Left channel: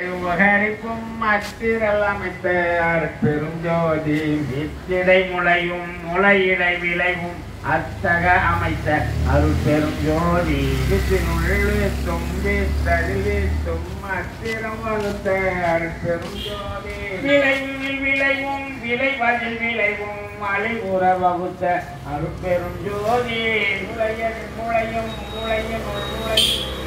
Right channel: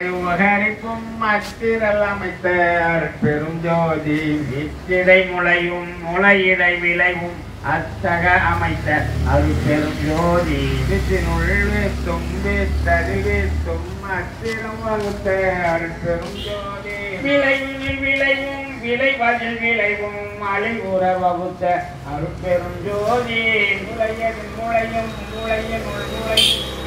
உபகரிக்கும் அத்திரல் அமைத்த பெருஞ்சோதி வித்திடை முளையும் முளையிடை விளைவும் அத்தக அமைத்த அருள் பெருஞ்சோதி வித்தினுள் வீத்தும் வீத்தறிவித்தும் அத்திரம் வகுத்த அருள் பெருஞ்சோதி விளைவில் விளைவும் விளைவதில் விளைவும் மலை உற வகுத்த அருள் பெருஞ்சோதி முளையனில் முளையும் முளையினுள் முளையும்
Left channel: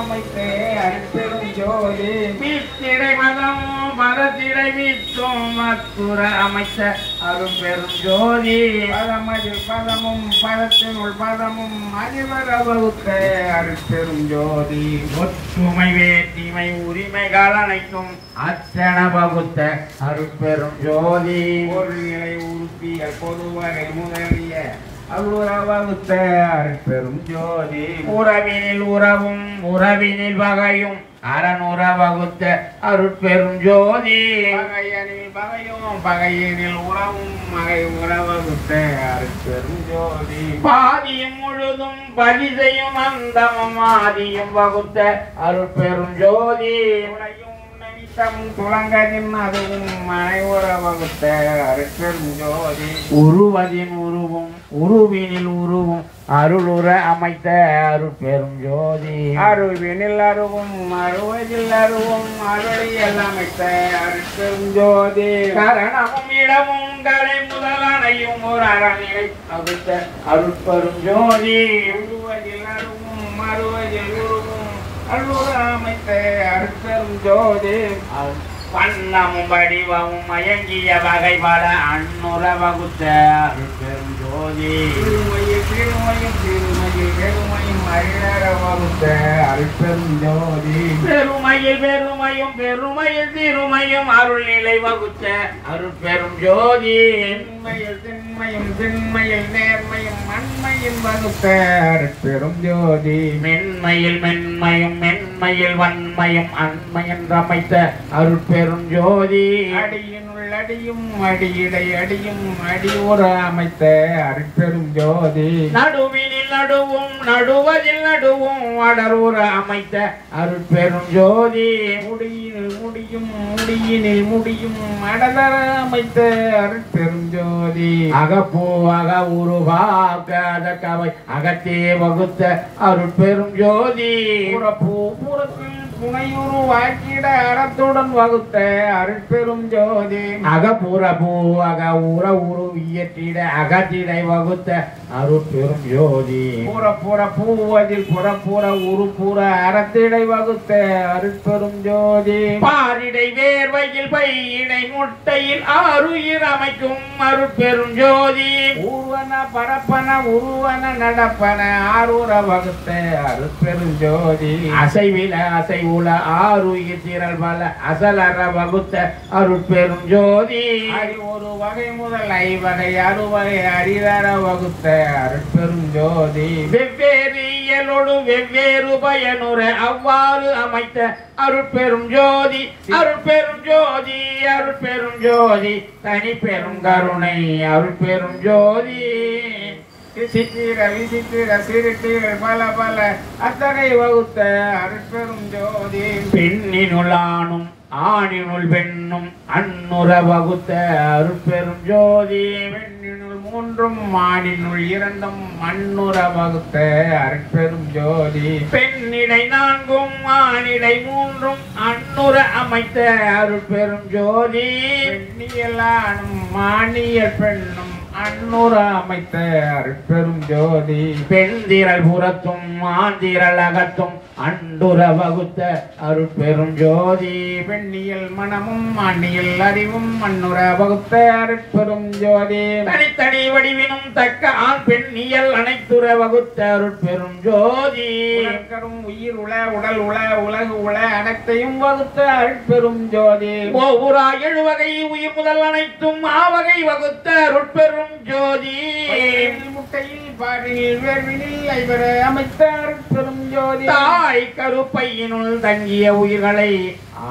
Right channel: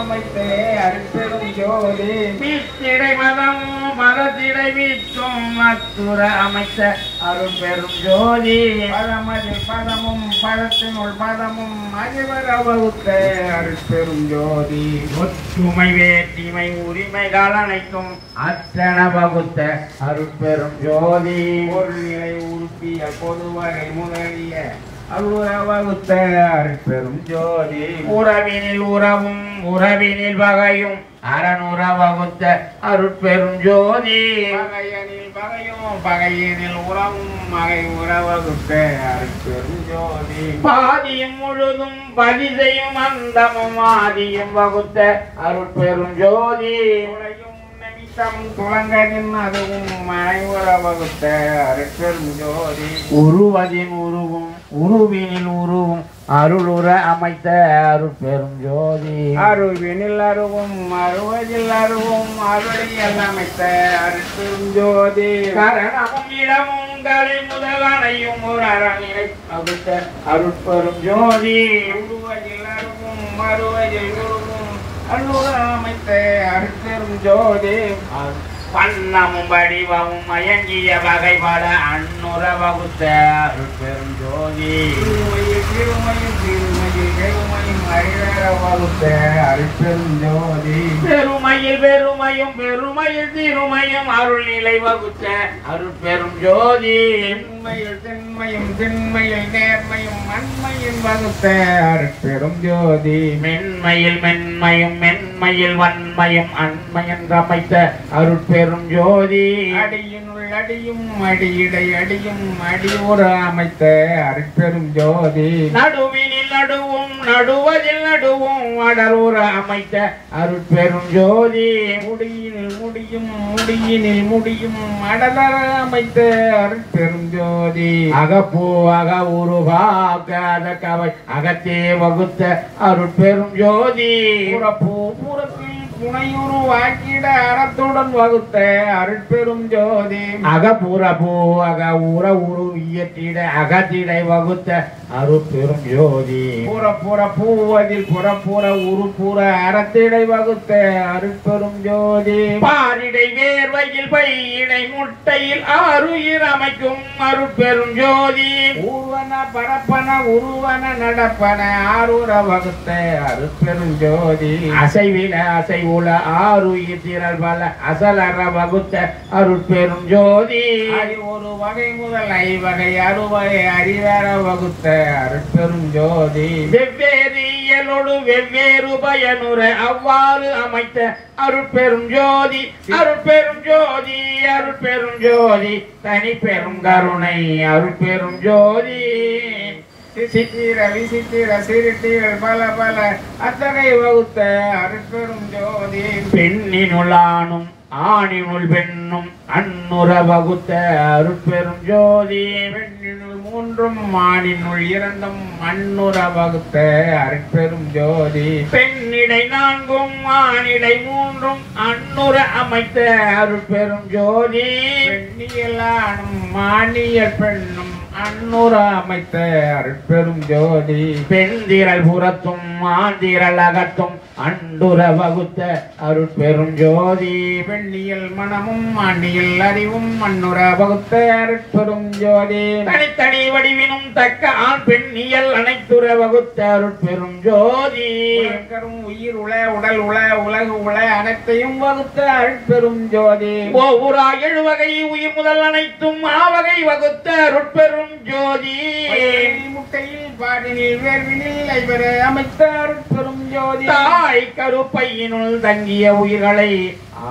அமைத்த அருட்பெரும் ஜோதி வீட்டிடை மதமும் மதத்திடை வீற்றும் மத்துர அமைத்த அருட்பெரும் ஜோதி பதமதில் பதமும் பதத்தினுள் பதமும் அதிபர வகுத்த அருட்பெரும் ஜோதி ஒற்றுமை வேற்றுமை உரிமைகள் அனைத்தும் அத்தன வகுத்த அருட்பெரும் ஜோதி ஒரு நிலை உறுப்பிய பொதுவகை முதலிய அருளவகுத்த அருட்பெரும் ஜோதி உறவினில் உறவும் உறவினில் வகையும் அறனுற வகுத்த அருட்பெரும் ஜோதி பகையனில் பகையும் பகையினில் உறவும் மகை உறவகுத்த அருட்பெரும் ஜோதி பாதியும் முழுதும் பதிசையும் அந்தமும் ஆதியும் வகுத்த அருட்பெரும் ஜோதி துலங்கனின் அதுவும் மனை உற வகுத்த அருட்பெரும் ஜோதி உருவதின் உருவும் உருவினில் உருவும் அருளுற அமைத்த அருட்பெரும் ஜோதி அருவினில் அருவும் அருவதில் அருவும் அருளியல் அமைத்த அருட்பெரும் ஜோதி கரணமும் இடமும் கலை முதலனையும் ஒரு அரணியை வகுத்த அருட்பெரும் ஜோதி உருவதில் அருவும் அருவதில் உருவும் அருளுற அமைத்த அருட்பெரும் ஜோதி வண்ணமும் வடிவமும் மயங்கிய வகை பல அன்னுற வகுத்த அருட்பெரும் ஜோதி திருமையும் திருமையில் பெருமையும் அறிவர வகுத்த அருட்பெரும் ஜோதி பெருமையில் பெருமையும் பெருமையில் திருமையும் அருள் நிலை வகுத்த அருட்பெரும் ஜோதி உண்மையில் திண்மையும் திண்மையில் நேர்மையும் மண்மையில் வகுத்த அருட்பெரும் ஜோதி மென்மையில் மென்மையும் மென்மையில் வன்மையும் அண்மையும் அமைத்த அருட்பெரும் ஜோதி அடியினுள் அடியும் அடியிடை அடியும் அடியுற அமைத்த அருட்பெரும் ஜோதி நடுவினில் நடுவும் நடுவதில் நடுவும் அடருற அமைத்த அருட்பெரும் ஜோதி முடியினில் முடியும் முடியினில் முடியும் அடலற அமைத்த அருட்பெரும் ஜோதி அகப்பூ அக உருவாக்க அதற்கவை அகத்தே வகுத்த அருட்பெரும் ஜோதி புறப்பூ புறத்தில் புனையுரு வாக்கிட அறத்துடன் வகுத்த அருட்பெரும் ஜோதி அகப்புற பூ அக உற உரு இயற்றிட அகத்திடை வகுத்த அருட்பெரும் ஜோதி புறப்புற பூவதில் புறப்புற உருப்புற அறத்திடை வகுத்த அருட்பெரும் ஜோதி பாரிடை வேர்வையில் பையிடை முட்டையில் ஆறுயிர் அமைக்கும் அருட்பெரும் ஜோதி ஊர்வன பரப்பன உருவன நடப்பன ஆரூர வகுத்த அருட்பெரும் ஜோதி அசைவில அசை உல ஆறுயிர் திரள் பல அசலற வகுத்த அருட்பெரும் ஜோதி ஒரு வகை முதல் ஐவகை அறுவகை அரிதர வகுத்த அருட்பெரும் ஜோதி வெவ்வேறு இயலோடு வெவ்வேறு பயனுற அவ்வாறு அமைத்த அருட்பெரும் ஜோதி அருட்பெரும் ஜோதி அருட்பெரும் ஜோதி தனி பெரும் கருணை அருட்பெரும் ஜோதி சித்திர விசித்திர திருத்திர பல பல அத்தகை வகுத்த அருட்பெரும் ஜோதி பெண்ணினுள் ஆணும் ஆணினுள் பெண்ணும் அன்னுற வகுத்த அருட்பெரும் ஜோதி பெண்ணினுள் மூன்றும் ஆணினுள் இரண்டும் அன்னுற வகுத்த அருட்பெரும் ஜோதி பெண்ணிடை நான்கும் ஆணிடை மூன்றும் அன்னுற அமைத்த அருட்பெரும் ஜோதி பெண்ணியல் ஆணும் ஆணியல் பெண்ணும் அன்னுற அமைத்த அருட்பெரும் ஜோதி பெண்திரள் புறத்தும் ஆந்திரள் அகத்தும் அண்டுற வகுத்த அருட்பெரும் ஜோதி பெண்ணியல் மனமும் ஆண்டியல் அறிவும் அன்னுற வகுத்த அருட்பெரும் ஜோதி தனித்தனி வடிவினும் தக்க ஆண் பெண்ணியல் அனைத்துற வகுத்த அருட்பெரும் ஜோதி உயிர் உள உடல் உள உலகு உள அனைத்தையும் வகுத்த அருட்பெரும் ஜோதி ஓவுரா எழுவகை உயிர் முதல் அனைத்தும் ஆவகை வகுத்த அருட்பெரும் ஜோதி முட்டையில் பாடினில் வேர்வினில் ஐவர அமைத்த அருட்பெரும் ஜோதி தாய் கருப்பையினுள் தங்கிய உயிர்களை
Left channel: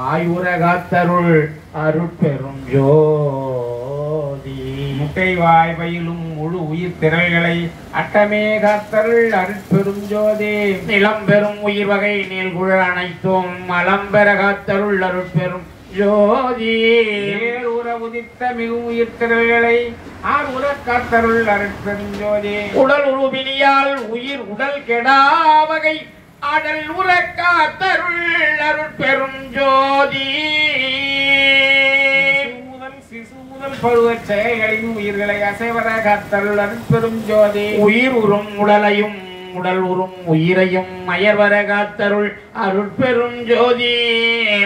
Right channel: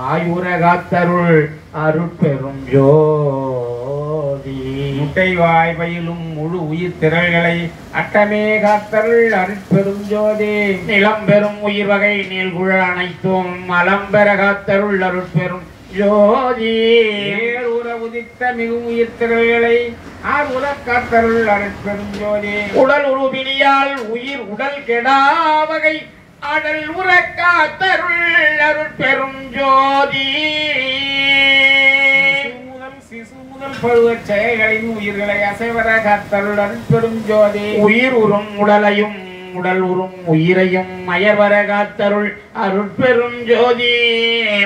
ஆயுர காத்தருள் அருட்பெரும் ஜோதி ஜோதி முட்டைவாய் பயிலும் முழு உயிர் திரள்களை அட்டமே காத்தருள் அருட்பெரும் ஜோதி நிலம் பெறும் உயிர் வகை நீள்குழ அனைத்தும் மலம் பெற காத்தருள் அருட்பெரும் ஜோதி ஏறுற உதித்த மிகும் உயிர் திரள்களை ஆறுற காத்தருள் அருட்பெரும் ஜோதி உடல் உருவினியால் உயிர் உடல் கெடாவகை அடல் உற காத்தருள் அருட்பெரும் ஜோதி சிசு முதல் பருவச் செயல்களின் உயிர்களை அசைவர காத்தருள் அருட்பெரும் ஜோதி உயிர் உறும் உடலையும் உடல் உறும் உயிரையும் அயர்வர காத்தருள் அருட்பெரும் ஜோதி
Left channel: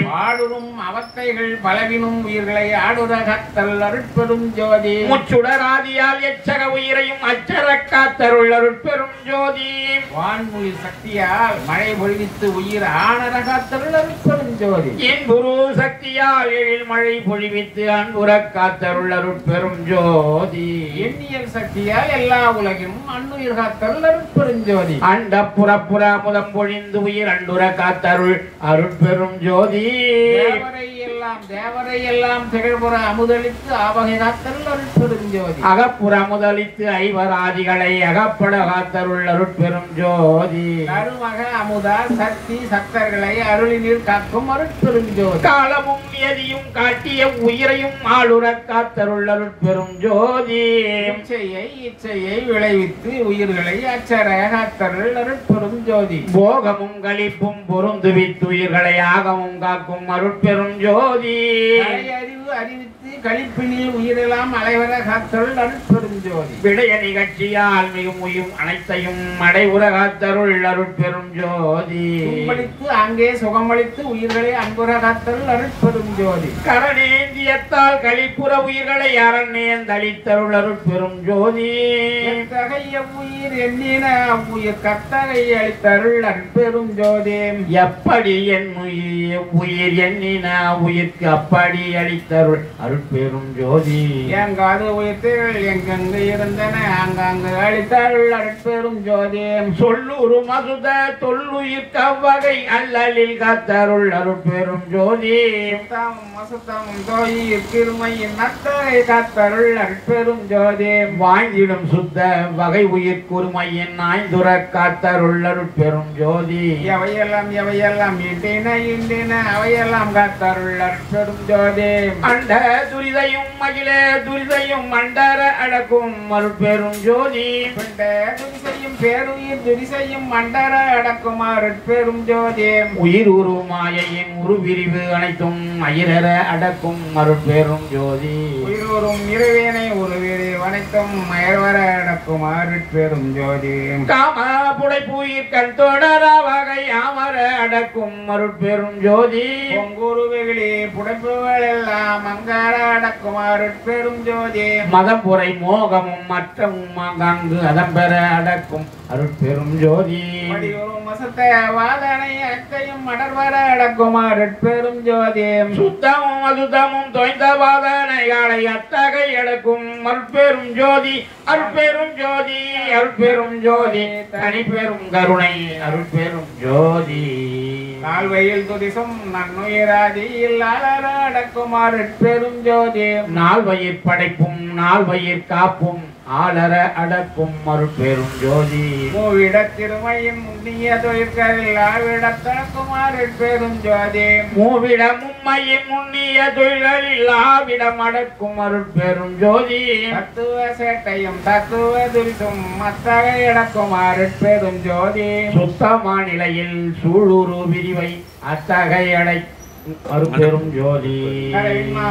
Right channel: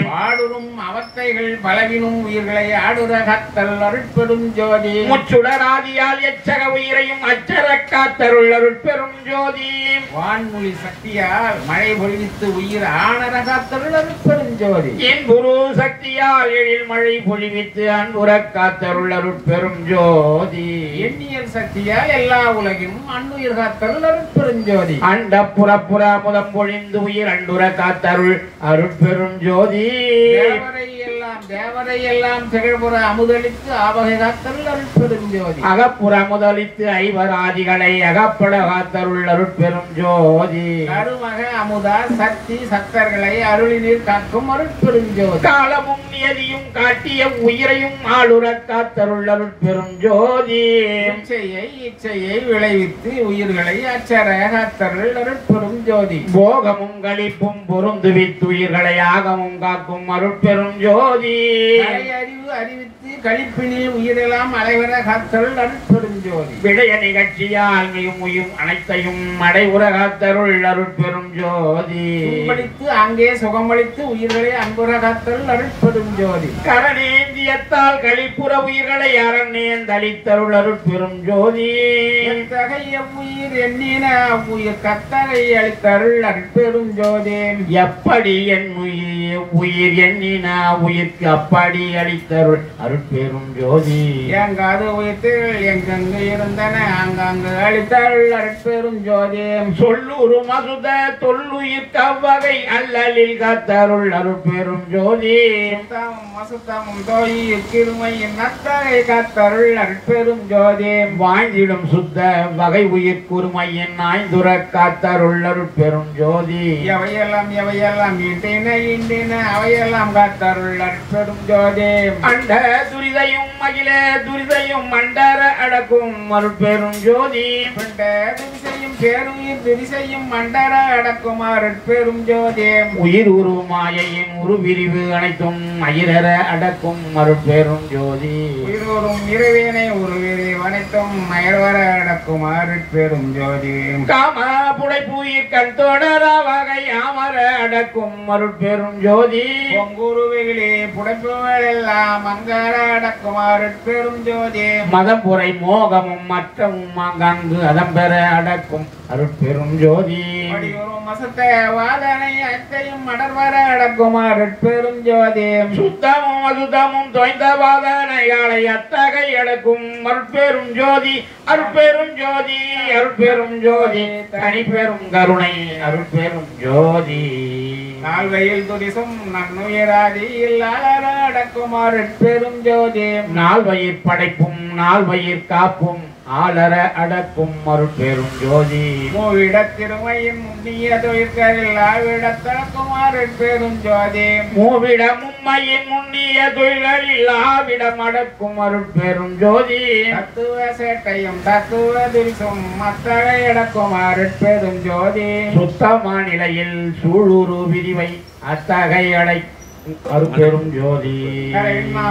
பாடுறும் அவத்தைகள் பலவினும் உயிர்களை ஆடுற காத்தருள் அருட்பெரும் ஜோதி முச்சுடராதியால் எச்சக உயிரையும் அச்சர காத்தருள் அருட்பெரும் ஜோதி வான்மொழி சக்தியால் மழை பொழிவித்து உயிர் ஆணர காத்தருள் அருட்பெரும் ஜோதி என் குரு சக்தியால் எழில் மழை பொழிவித்து அன்புற காத்தருள் அருட்பெரும் ஜோதி எண்ணியல் சக்தியால் எல்லா உலகிலும் அன்னுயிர் காத்தருள் அருட்பெரும் ஜோதி அண்ட புறப்புற முதம் பொழிந்து உயிர் அண்டுர காத்தருள் அருட்பெரும் ஜோதி தேவரை எல்லாம் திகழ்புற அமுதளித்து ஆவகை காத்தருள் அருட்பெரும் ஜோதி அகப்புற முதலித்து ஐவராதிகளை அகப்பட காத்தருள் அருட்பெரும் ஜோதி கருமக அமுதா சக்தி சக்தர்களை அருளினீர் காக்கும் அருட்பெரும் ஜோதி காலமும் நியதியும் காட்டிய உயிரையும் ஆளுர காத்தருள் அருட்பெரும் ஜோதி இச்சையை விளைவித்து உயிர்களை அச்சர காத்தருள் அருட்பெரும் ஜோதி போகமும் களிப்பும் பொருந்துவித்து உயிர்களை ஆகமும் காக்கும் அருட்பெரும் ஜோதி அறிவு அறிவித்து கழிப்பினில் உயிரெல்லாம் அலைவர காத்தருள் அருட்பெரும் ஜோதி விடய நிகழ்ச்சியால் மிகும் உயிர் அனைத்தையும் அடைவுற காத்தருள் அருட்பெரும் ஜோதி சுகமளித்து அங்கே சுகமளித்து உயிர்களை அன்புற காத்தருள் அருட்பெரும் ஜோதி கரணேந்தியத்தால் கழிப்புற உயிர்களை அறநேந்தளித்தருள் அருட்பெரும் ஜோதி எத்தகைய உயிர் எண்ணின உயிர் கத்தகை அளித்தருள் அருட்பெரும் ஜோதி எப்படி என் உயிர் எண்ணின உயிர்க்கு அப்படி அளித்தருள் அருட்பெரும் ஜோதி எங்காது உயிர்த்திகள் எங்கெங்கு இருந்தன அங்கங்கு அளித்தருள் அருட்பெரும் ஜோதி சொல்லுரு மசுத தொல்லுயிர்க்கு அவ்வகை அல்லலில் காத்தருள் அருட்பெரும் ஜோதி மசுத்தமும் தோயில் கிருமையின் நத்தகை காத்தருள் அருட்பெரும் ஜோதி வாழ்ந்திடும் சுத்த வகை உயிர் குருமையின் ஆய்ந்துர காத்தருள் அருட்பெரும் ஜோதி எவையெல்லாம் இண்டின அவையெல்லாம் காத்தருள் அருட்பெரும் ஜோதி அண்ட துரிதையும் மகிழ துரிதையும் மண்டர அடக்கும் அருட்பெரும் ஜோதி துரிசையும் பேருயிர் துரிசையும் மண்டர அடக்கும் அருட்பெரும் ஜோதி உயிர் உரு மாயையின் உருவிரிவு அனைத்தும் அயிரர அடக்கும் அருட்பெரும் ஜோதி உயிர் உறும் இறைவேனை உருவிரி அனைத்தும் மயர்வர அடக்கும் அருட்பெரும் ஜோதி காம புடைப்புயிர் கண் தொடர வகை அமர அடக்கும் அருட்பெரும் ஜோதி பொங்குருவிகளே புடைப்புகள் எல்லாம் அங்கர அடக்கும் அருட்பெரும் ஜோதி மதம் புரை மோகமும் மற்றமும் அங்கு அதம்பெற அடக்கும் அருட்பெரும் ஜோதி மடியுறும் மசத்த வாதனை அத்தையும் மடர்வர அடக்கும் அருட்பெரும் ஜோதி சுத்தமும் அசுத்தமும் தொய்ந்த வாதனைகளை அத்தகை அடக்கும் அருட்பெரும் ஜோதி அருட்பெரும் ஜோதி அருட்பெரும் ஜோதி தனிப்பெரும் கருணை அருட்பெரும் ஜோதி நால்வயில் துதிசும் நன்னுயிராதியில் அலர அடக்கும் அருட்பெரும் ஜோதி நால்வயிர் படைப்பும் நால்வயிர் காப்பும் ஆளர அடக்கும் அருட்பெரும் ஜோதி மூவிடத் திருமையின் முன்னிய தொழிற்களில் ஆவிடத்தடக்கும் அருட்பெரும் ஜோதி மூவிட மும்மையின் முன்னிய தொழில்களில் ஆவிடம் அடக்கும் அருட்பெரும் ஜோதி தத்துவ சேட்டையும் தத்துவ துரிசும் மத்தகை அடக்கும் அருட்பெரும் ஜோதி சுத்தமா நிலையில் சூழூரு விரிவை அத்தகை அடை அருட்பெரும் ஜோதி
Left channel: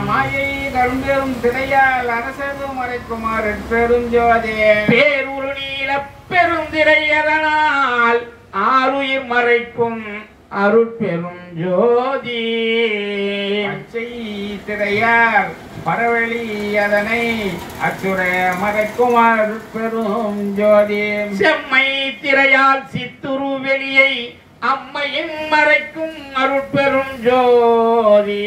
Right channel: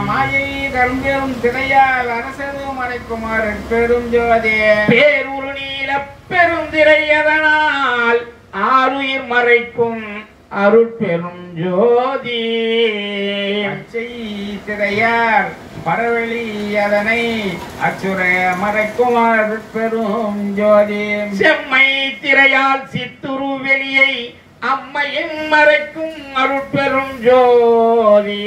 மாயை கரும்பெரும் திரையால் அரசு மறைக்கும் அருட்பெரும் ஜோதி பேருரு நீல பெருந்திரையதனால் ஆருயிர் மறைக்கும் அருட்பெரும் ஜோதி அச்சை திரையால் பரவெளி அதனை அச்சுரைய மறைக்கும் அருட்பெரும் ஜோதி செம்மை திரையால் சித்துரு வெளியை அம்மையின் மறைக்கும் அருட்பெரும் ஜோதி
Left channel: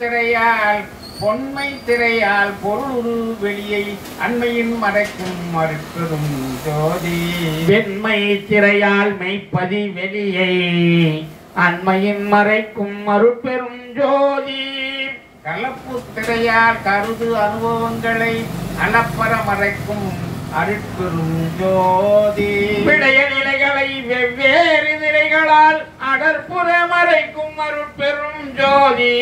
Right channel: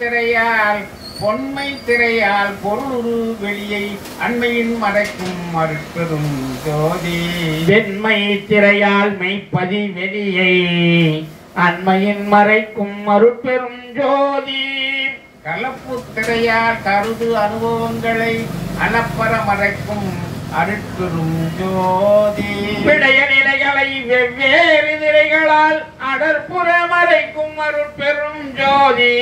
திரையால் பொன்மை திரையால் பொருளுரு வெளியை அண்மையின் மறைக்கும் அருட்பெரும் ஜோதி வெண்மை திரையால் மெய்ப்பதி வெளியை அண்மையின் மறைக்கும் அருட்பெரும் ஜோதி கலப்பு திரையால் கருது அனுபவங்களை அளப்பற மறைக்கும் அருட்பெரும் ஜோதி. விடய நிலைகளை வெவ்வேறு திரைகளால் அடற்புற மறைக்கும் அருட்பெரும் ஜோதி.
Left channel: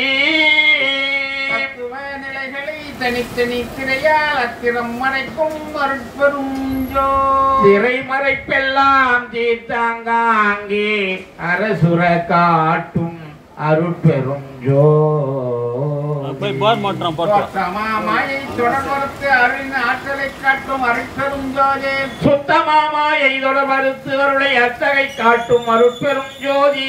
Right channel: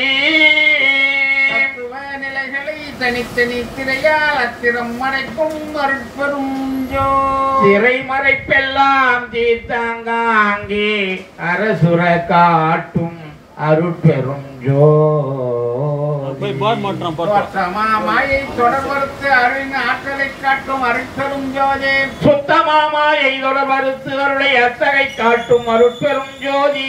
தத்துவ நிலைகளை தனித்தனி திரையால் அத்திரம் மறைக்கும் அருட்பெரும் ஜோதி. திரை மறைப்பெல்லாம் தீர்த்தாங்காங்கே அரசுர காட்டும் அருட்பெரும் ஜோதி. மாயை தொடர்பறுத்து அருளின் ஆற்றலை காட்டும் அருட்பெரும் ஜோதி. சுத்தமாமாயை தொடர்பறுத்து அருளை அத்தகை காட்டும் அருட்பெரும் ஜோதி.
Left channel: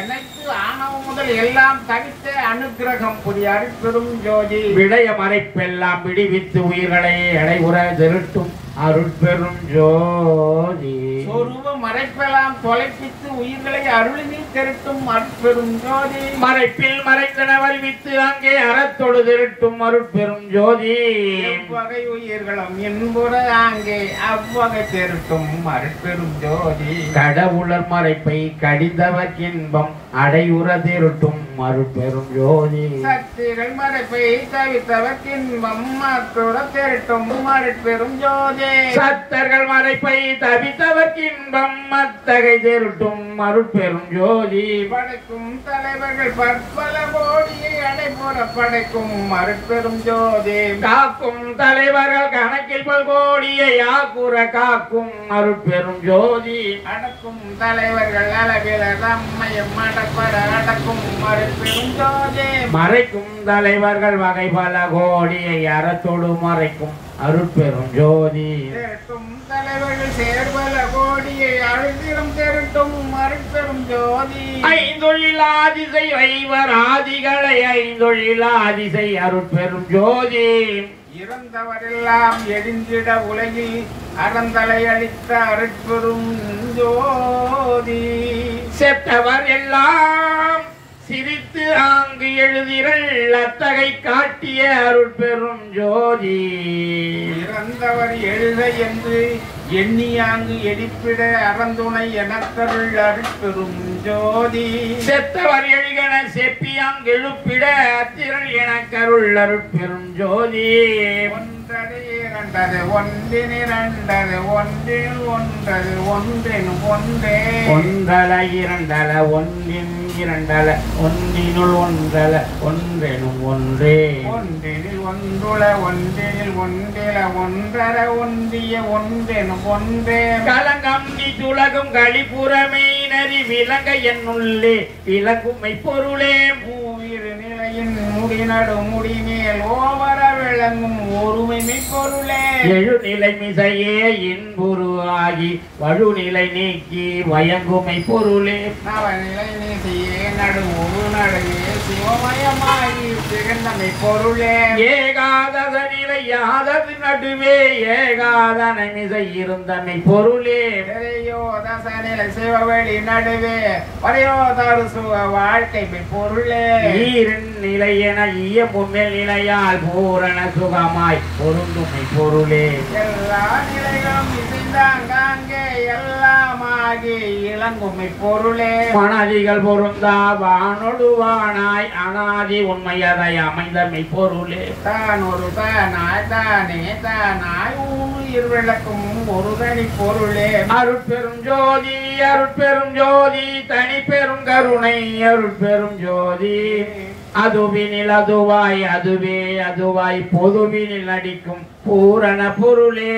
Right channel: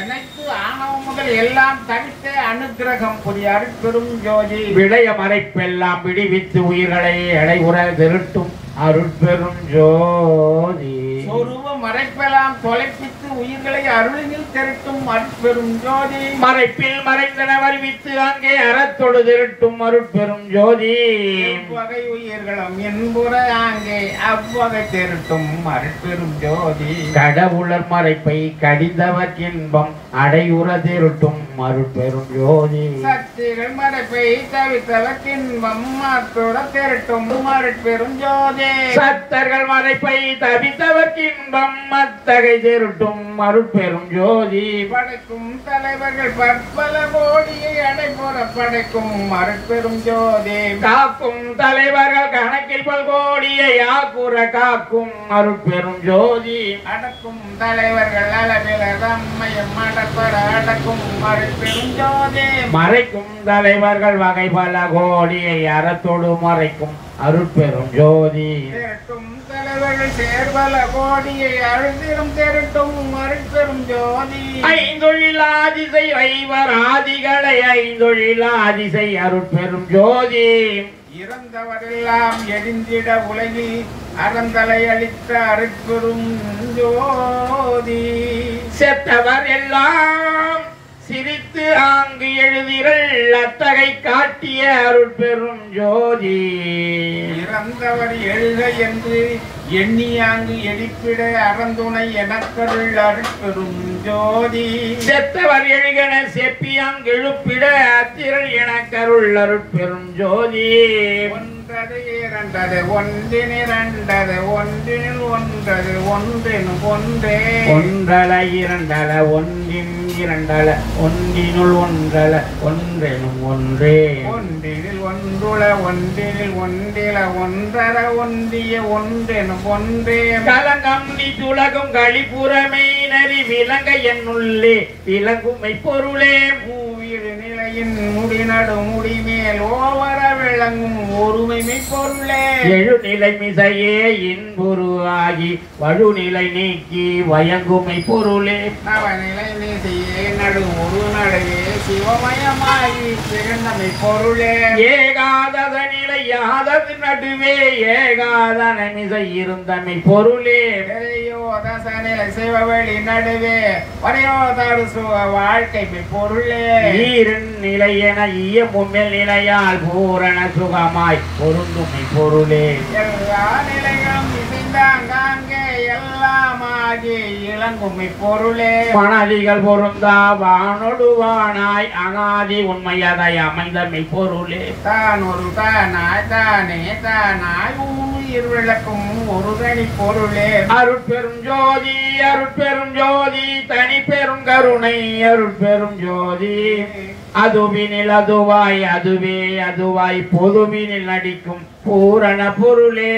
அனைத்து ஆணவம் முதல் எல்லாம் தவித்த அனுக்கிரகம் புரிய அருட்பெரும் ஜோதி. விடய மறைப்பெல்லாம் விடுவித்து உயிர்களை அடைவுற திருட்டும் அருட்பெரும் ஜோதி. சொருவ மறைப்பெல்லாம் தொலைப்பித்து உயிர்களை அருளினில் திரட்டும் அருட்பெரும் ஜோதி. மறைப்பில் மறைந்தன வருவித்து அங்கே அறத்தொடு திருட்டும் அருட்பெரும் ஜோதி. எவ்வகை உயிர்களும் என்புற அங்கே அவ்வகை திரட்டும் அருட்பெரும் ஜோதி. கடவுளர் மறைப்பை கடிந்தவர் இன்பம் அடையுற திருட்டும் அருட்பெரும் ஜோதி. சக்திகள் மறைப்பை தவித்தவர் இன்பம் மாற்றுற திரட்டும் அருட்பெரும் ஜோதி. சத்தர்கள் மறைப்பை தவித்தவர் இன்பம் அத்தகை திருட்டும் அருட்பெரும் ஜோதி. படைக்கும் தலைவர்கள் பற்பல கோடியை அடைபுற படைக்கும் அருட்பெரும் ஜோதி. காக்கும் தலைவர்கள் கணக்கில் பல்கோடியை ஆக்குற காக்கும் அருட்பெரும் ஜோதி. அடக்கும் தலைவர்கள் அளவில தம்மையும் அடப்பட அடக்கும் அருட்பெரும் ஜோதி. மறைக்கும் தலைவர்கள் வகை பல கோடியை அறத்தோடு மறைக்கும் அருட்பெரும் ஜோதி. திரட்டும் தலைவர்கள் சேர்பல கோடியை அழுதிரும் திரட்டும் அருட்பெரும் ஜோதி. ஐந்தொழிலாதிசை ஐவராதிகளை ஐந்தொழிலாதிசை அருட்பெரும் ஜோதி. இறந்தவரெல்லாம் எடிந்திட உலகில் அறந்தலை அளித்த அருட்பெரும் ஜோதி. செத்தவர் எல்லாம் சிரித்து ஆங்கு எழுதிரள் அத்தகை காட்டிய அருட்பெரும் ஜோதி. இறந்தவர் எழுத என்று எண்ணியாங்கு எடிப்பிட அறந்துணை எனக்கருள் அருட்பெரும் ஜோதி. செத்தவர் எழுகன செப்பியாங்கு எழுப்பிட அத்திரள் எனக்கருள் அருட்பெரும் ஜோதி. ஒன்றது இரண்டது ஒன்றினிரண்டது ஒன்றில் ஒன்றது ஒன்றினும் ஒன்றே. ஒன்றல இரண்டல ஒன்றின் இரண்டல ஒன்றினுள் ஒன்றல ஒன்றெனும் ஒன்றே. ஒன்றினில் ஒன்றுள ஒன்றினில் ஒன்றில ஒன்றர ஒன்றிய ஒன்றெனும் ஒன்றே. கலங்கம் நீ துலகும் களிப்புறமை நரி விலங்க என்னுள்ளே விலங்குமை பொருளே. மூவிரு நிலையின் முடிநடு முடிமேல் ஓவர விளங்கும் ஒருமைமை பொருளே. எழுநிலை மிசையே இன்புரு ஆகி வழுநிலை நீக்கி வயங்குமை பொருளே. நவநிலை நீதியே நடு ஒரு நடுவே சிவமயமாகி பிறந்தமை பொருளே. ஏகாதத நிலை யாதது நடுவே ஏகாதன மிசை இருந்தமை பொருளே. பெரியோ தசநிலை சிவவெளி நடுவே வரையோதாறு சுக வாழ்க்கை பொருளே. ஈரின் நிலை என இயமும்மெல் நிலையால் பூரண சுகமாய் பொருந்துமை பொருளே. எல்லா நிலைகளும் இசைந்தாங்காங்கே எல்லாமாகி இளங்குமை பொருளே. மணதிகள் பொருந்தா வானொடுவானாய் அனாதி உண்மையதை அமைந்தமை பொருளே. தான் ஒரு தானாய் தானே தானாய் உயிர் விளக்கும் ஒரு தனி பொருளே. அருட்பெரும் ஜோதி அருட்பெரும் ஜோதி தனி பெரும் கருணை அருட்பெரும் ஜோதி. அதுவினில் அதுவாய் அதுவே அதுவாய் பொதுவினில் நடிக்கும் பூரண பொருளே.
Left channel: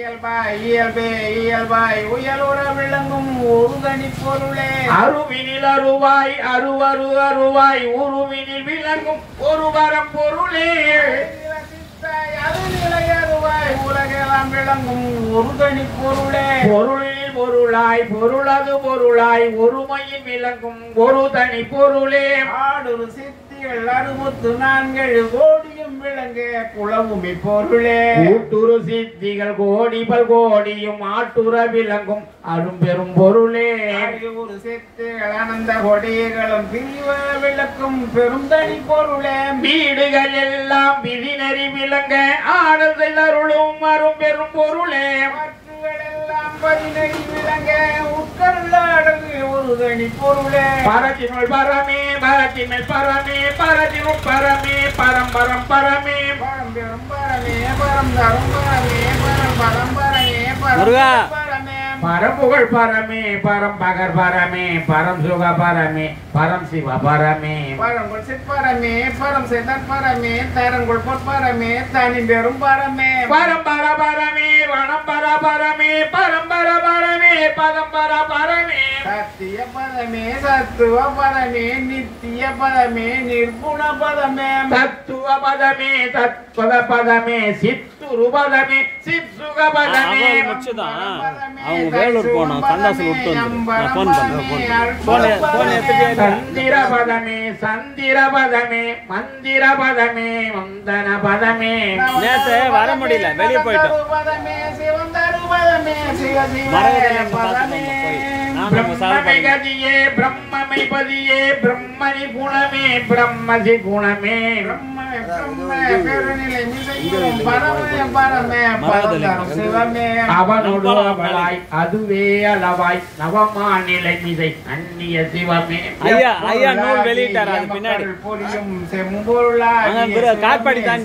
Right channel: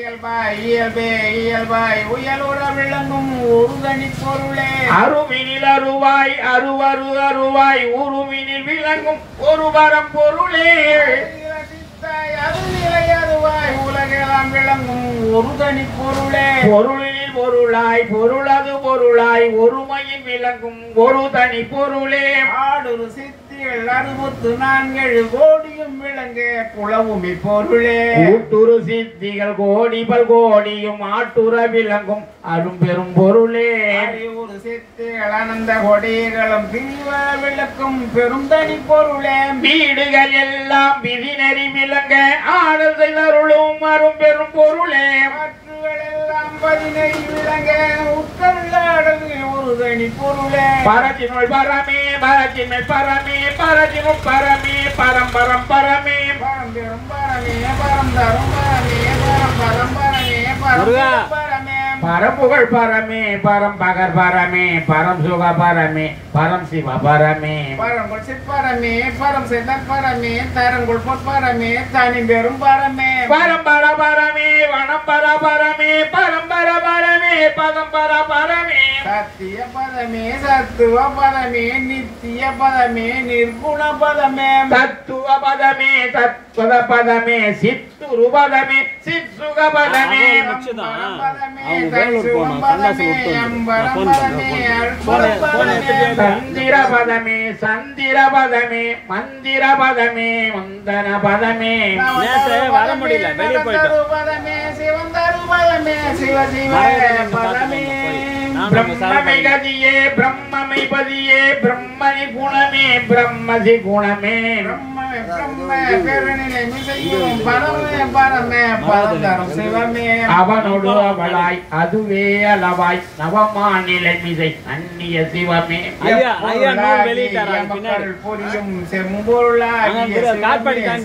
இயல்பாய் இயல்பே இயல்பாய் உயலுற விளங்கும் ஒரு தனி பொருளே. அருவினில் அருவாய் அருவரு அருவாய் உருவினில் விளங்கும் ஒரு வரம் பொருளே. அருநிலை அருவாய் உலகெல்லாம் விளங்கும் ஒரு தனி பொருளே. பொருளில் பொருளாய் பொருளது பொருளாய் ஒருமையில் விளங்கும் ஒரு தனி பொருளே. ஆடுரு சித்திகள் 64 கோடியும் விளங்க புலவுமை பொருளே. கூட்டுரு சித்திகள் கோடி பல் கோடியும் ஆட்டுற விளங்கும் அரும்பெரும் பொருளே. ஒரு சித்திகள் அனந்த கொடிகளும் பிரிவ விளக்கும் பெரும் தனி பொருளே. வீடுகள் எல்லாம் விதிநெறி விளங்க ஆடல் செய்தருளும் அரும்பெரும் பொருளே. மாற்றுகளெல்லாம் பதினெழி விளங்க உட்கருளாடல் ஒரு தனி பொருளே பரத்தினுள் பரமே பரத்தினுள் பரமே பரத்தினுள் பரமே பரம்பரம் பரமே பரம் பெரும் பரமே பரம் தரும் பரமே பரம் பரம் பரமே பரம் பரமே பரம்புகழ் பரமே பரம் பகர் பரமே பரம் சுக பரமே பரம் சிவ பரமே பரங்குள் சிற்பரமே பரம் செதற் பரமே தரங்குள் பொற்பரமே தனி பெரும் பரமே பரம்பர பரமே வனம்பர பரமே பரம்பர பரமே பதம்பர பரமே சத்திய பதமே சத்துவ பதமே நித்திய பதமே நிர்குண பதமே தத்துவ பதமே தத்வத பதமே சித்துரு பதமே சிற்சுக பதமே சந்திர பதமே சந்திர பதமே மந்திர பதமே மந்தன பதமே வர முடியல வெளியே போயிட்டோம் பதமே சிவந்தரு பதமே சிவசிவ பதமே பிரம்மகதியே பிரம்மமை பதியே பிரம்மணி குணமே பிரம்மசி குணமே அவனோடு அவளாய் அதுவே அளவாய் நவமாநிலை மிசை அந்நிய சிவமே ஐயா நூல் வெளியிட்டாரா பின்னாடி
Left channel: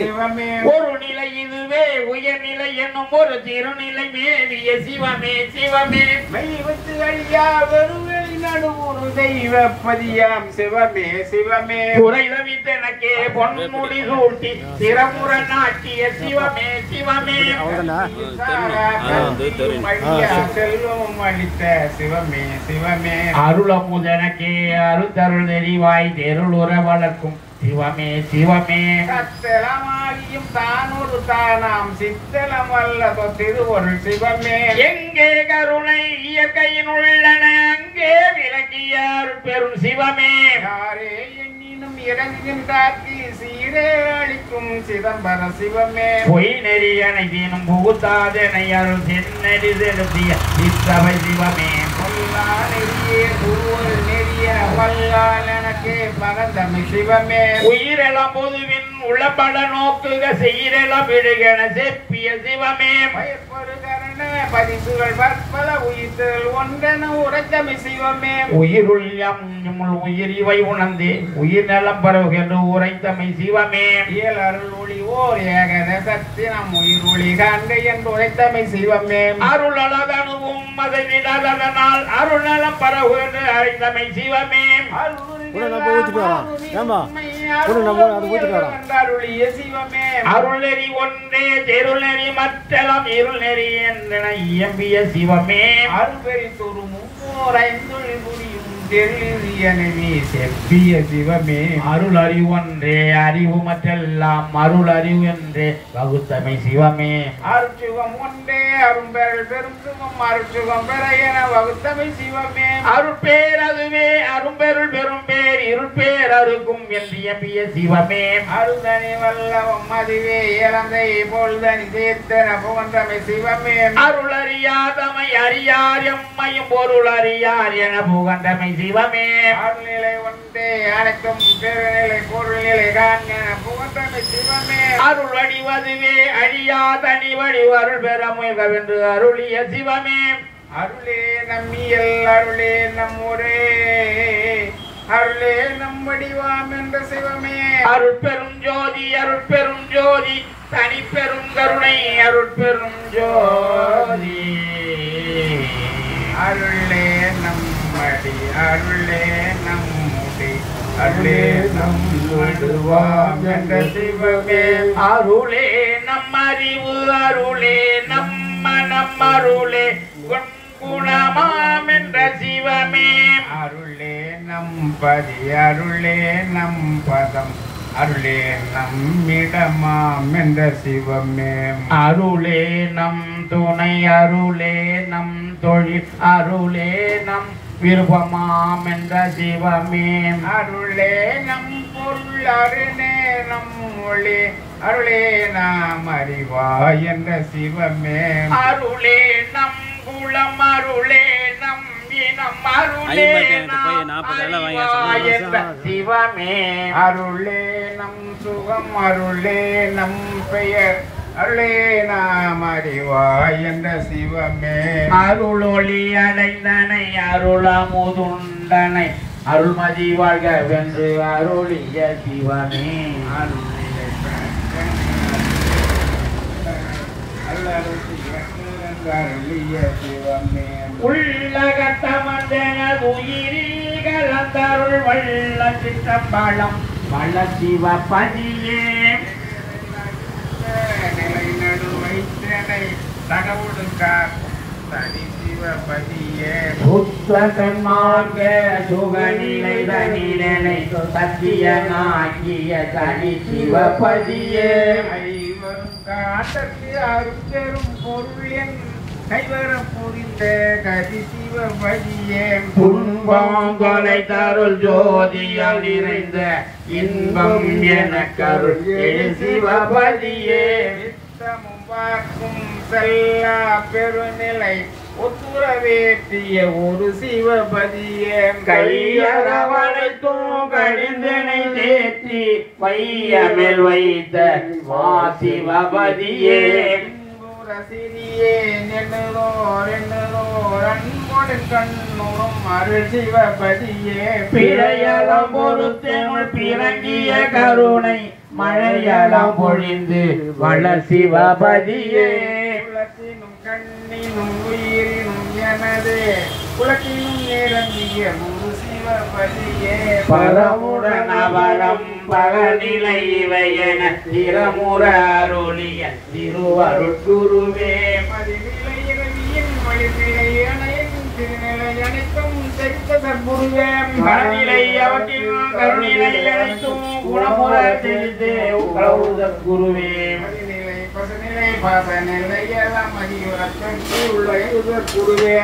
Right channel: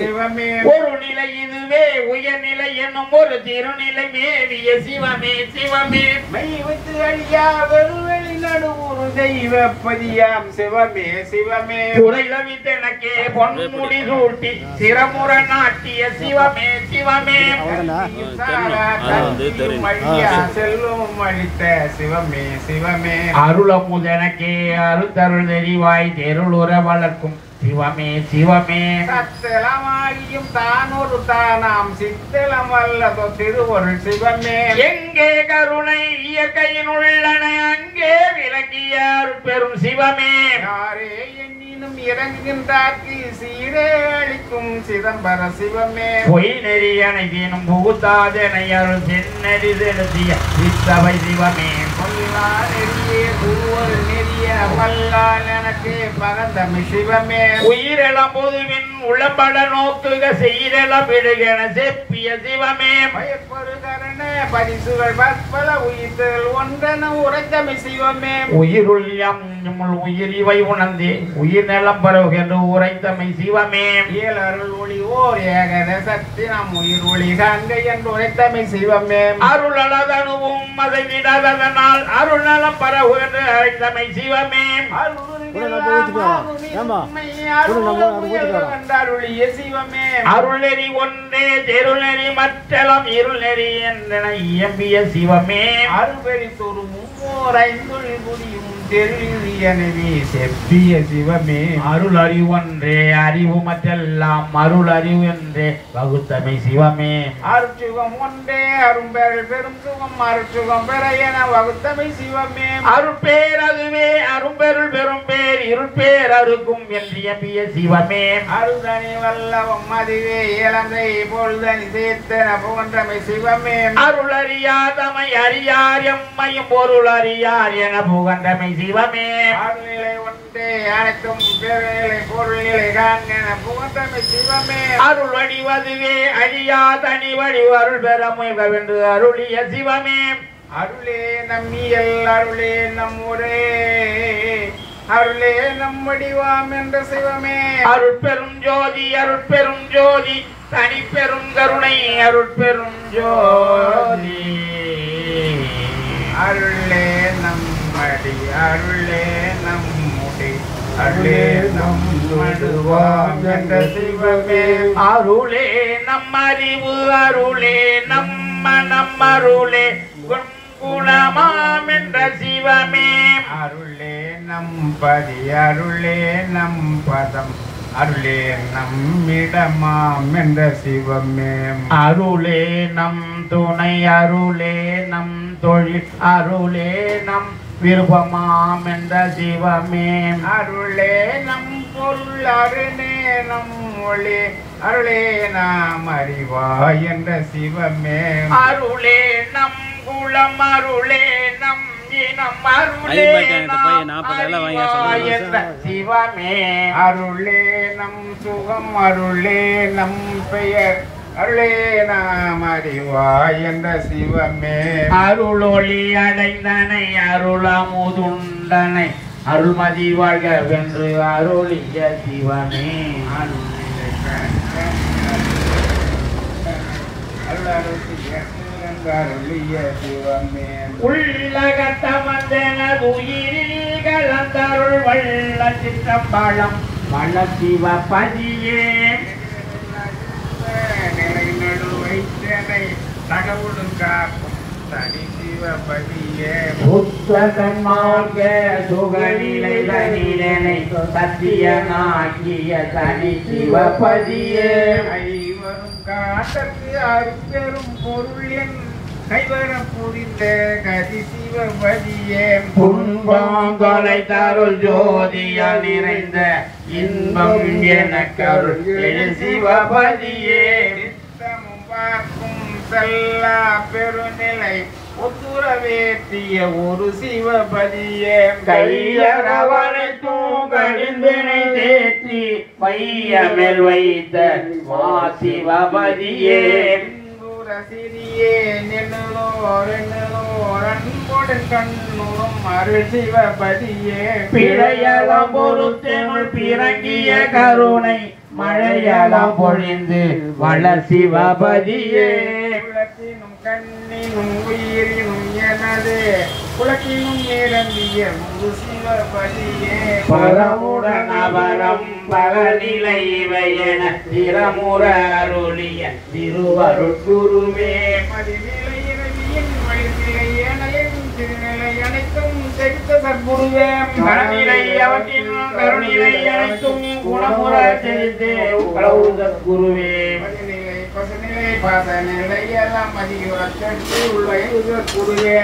சிவமே ஒரு நிலை இதுவே உயர்நிலை என்னும் ஒரு திருநிலை மேவிய சிவமே சிவமே மெய்வத்து அழியா வெறுவெளி நடுவுறு தெய்வ பதியாம் சிவமே சிவமே குறைதவித்தனக்கே பொன்முடி சூட்டி சிரமுற நாட்டிய சிவமே சிவமே செல்வம் அளித்த சிவமே சிவமே அருளமுதனக்கே அருத்தருள் நெறிவாய் தெருளுற வளர்க்கும் சிவமே சிவமே சத்தலமாகியும் தான் ஒரு தானாம் சித்தலம் வல்லதோ திருவருள் சிவமே எங்கே கருணை இயற்கையின் உள்ளன அங்கே விளங்கிய பெரும் சிவமே யாரே எண்ணினும் இறங்குகின்றார்க்கு சீரே அளிக்கும் சிதம்பர சிவமே பொய் நெறி அனைத்தினும் புகுத்தாதனை அருள் சென்னறி செலுத்திய சித்தவை சிவமே கொல்லா நெறியே திருவரு நெறிய வல்லால் எனக்கே பகந்தமி சிவமே உயிரெல்லாம் பொதுவின் உளப்பட நோக்குக செய்யலாம் விடுகன செப்பிய சிவமே பயப்பருகரண பரிசுகள் பற்பல உயிர்கள் ஒன்றென உரைத்தமி சிவமே உயிருள் உயிர் இவை உணர்ந்தே உயிர் நலம் பரவுகின்ற உரைத்தமை சிவமே இயல் அருள் ஒளி ஓர் ஏகத சக்தி நம் உயிர் ஒளி காண்க என்று உரைத்தமை சிவமே அருள் அழகனுவும் அதனால் அருள் நலம் பரவுகின்ற அழைத்தமை சிவமே அருள் நெறி ஒன்றே தெருள் நெறி மற்றெல்லாம் இருள் நெறி என்ற இயம்பிய சிவமே அருள்பெரி தொருமும் ஐந்துள் புரியும் தெருளியனவே செப்பிய சிவமே அருள் அறிவு ஒன்றே அறிவு மற்றெல்லாம் அருள் அறிவு என்றே வகுத்தமை சிவமே அருட்சுகம் ஒன்றே அரும்பெறல் பெரும் சுகம் அருட்சுகம் பெற என வகுத்தமை சிவமே அருட்பேர் அதுவே அரும்பெருள் பெரும் பேர் இருட்பேர் அருக்கும் என்று எம்பிய சிவமே அருதனி வல்லவம் அதுவே இளந்தை பொழுதனி சேர்த்தன புகன்றமை சிவமே அருள் அறியாதமை அறியார் எம்மையும் பொருள் அறியார் என புகன்றமை சிவமே அருள்நிலை ஒன்றே அனைத்தும் பெருநிலை பொருள்நிலை காண்க புகன்றமை சிவமே அருள் வடிவதுவே அழியாதனி வடிவ அருள் பெற முயல்கவென்று அருளிய சிவமே அருளே நம்மியல் அருளே நம்முரே அருளே நம்மடிவாம் என்ற சிவமே அருட்பெரும் ஜோதி அருட்பெரும் ஜோதி தனி பெரும் கருணை அருட்பெரும் ஜோதி அருளே நம்மடி அருளே நம்முடி அருளே நம்மடுவாம் என்ற சிவமே அருளே நம் அறிவு அருளே நம்ம அருளே குணமாம் என்ற சிவமே அருளே நம் பதி அருளே நம் பதம் அருளே நம்மிடமாம் என்ற சிவமே அருளே நம் துணை அருளே நம் தொழில் அருளே நம் விருப்பமாம் என்ற சிவமே அருளே நம் பொருள் அருளே நம் மொழி அருளே நாம் அறிவாய் என்ற சிவமே அருளே நம் குலம் அருளே நம் இனம் அருளே நாம் அறிவாய் என்ற சிவமே அருளே நம் சுகம் அருளே நம் பெயர் அருளே நாம் அறிவாய் என்ற சிவமே அருளொளி அடைந்தனை அருளமுதுண்டனை அருள்மதி வாழ்க வென்று அருளிய சிவமே அருளிய சிவமே உள்ளகத்தமந்தன உயிரில் கலந்தருள் வல்ல சித்தம்பலம் வல்ல சிவபதியே நிலை நடுவைத்தனை கடவுளும் காப்பும் தனி சிவபதியே புத்தகன்மார்க்க சுகநிலை தனிலனை சத்தியனாகிய தனி சிவபதியே ஐவரும் காட்டத்து அருட்பெரும் பொருள் என் கைவரம் புரிந்த கதி சிவபதியே துன்பங்களை தருள் ஜோதியால் நிறைந்த இன்பம் என கருள் சிவபதியே நித்தமும் பார்க்கும் செல்லா பெருநிலை ஒத்துறவேற்றிய ஒரு சிவபதியே கையரவழைத்தும் கடிந்தனை தேற்றி பையமில் வைத்த மா சிவபதியே சிறியே நெல்லோர் அன்புடன் கண்ணுறும் அருள் சிவபதியே பிழையலம் பொறுத்தேனுள் பிறங்கிய கருணை மழையலம் பொழிந்து வளர் சிவபதியே குலத்தினும் கண்ணினும் உயிரினும் எனது குலத்தினும் நிரம்பிய முழு சிவபதியே பரமுடன் அவரம் பகநிலை இவை என திறமுற அருளிய திருவருட்குருவே மதிநிலை இரவியின் மழிநிலை அணையின் திருநிலை அனைத்தும் செலுத்த சற்புருவே மனநிலை அவற்றின் கருணிலை அனைத்தும் குணமுற தெரிந்து குருவே மதிநிலை பசுநிலை பாசநிலை எல்லாம் மதியுறத்தற்கு உள்ள குருவே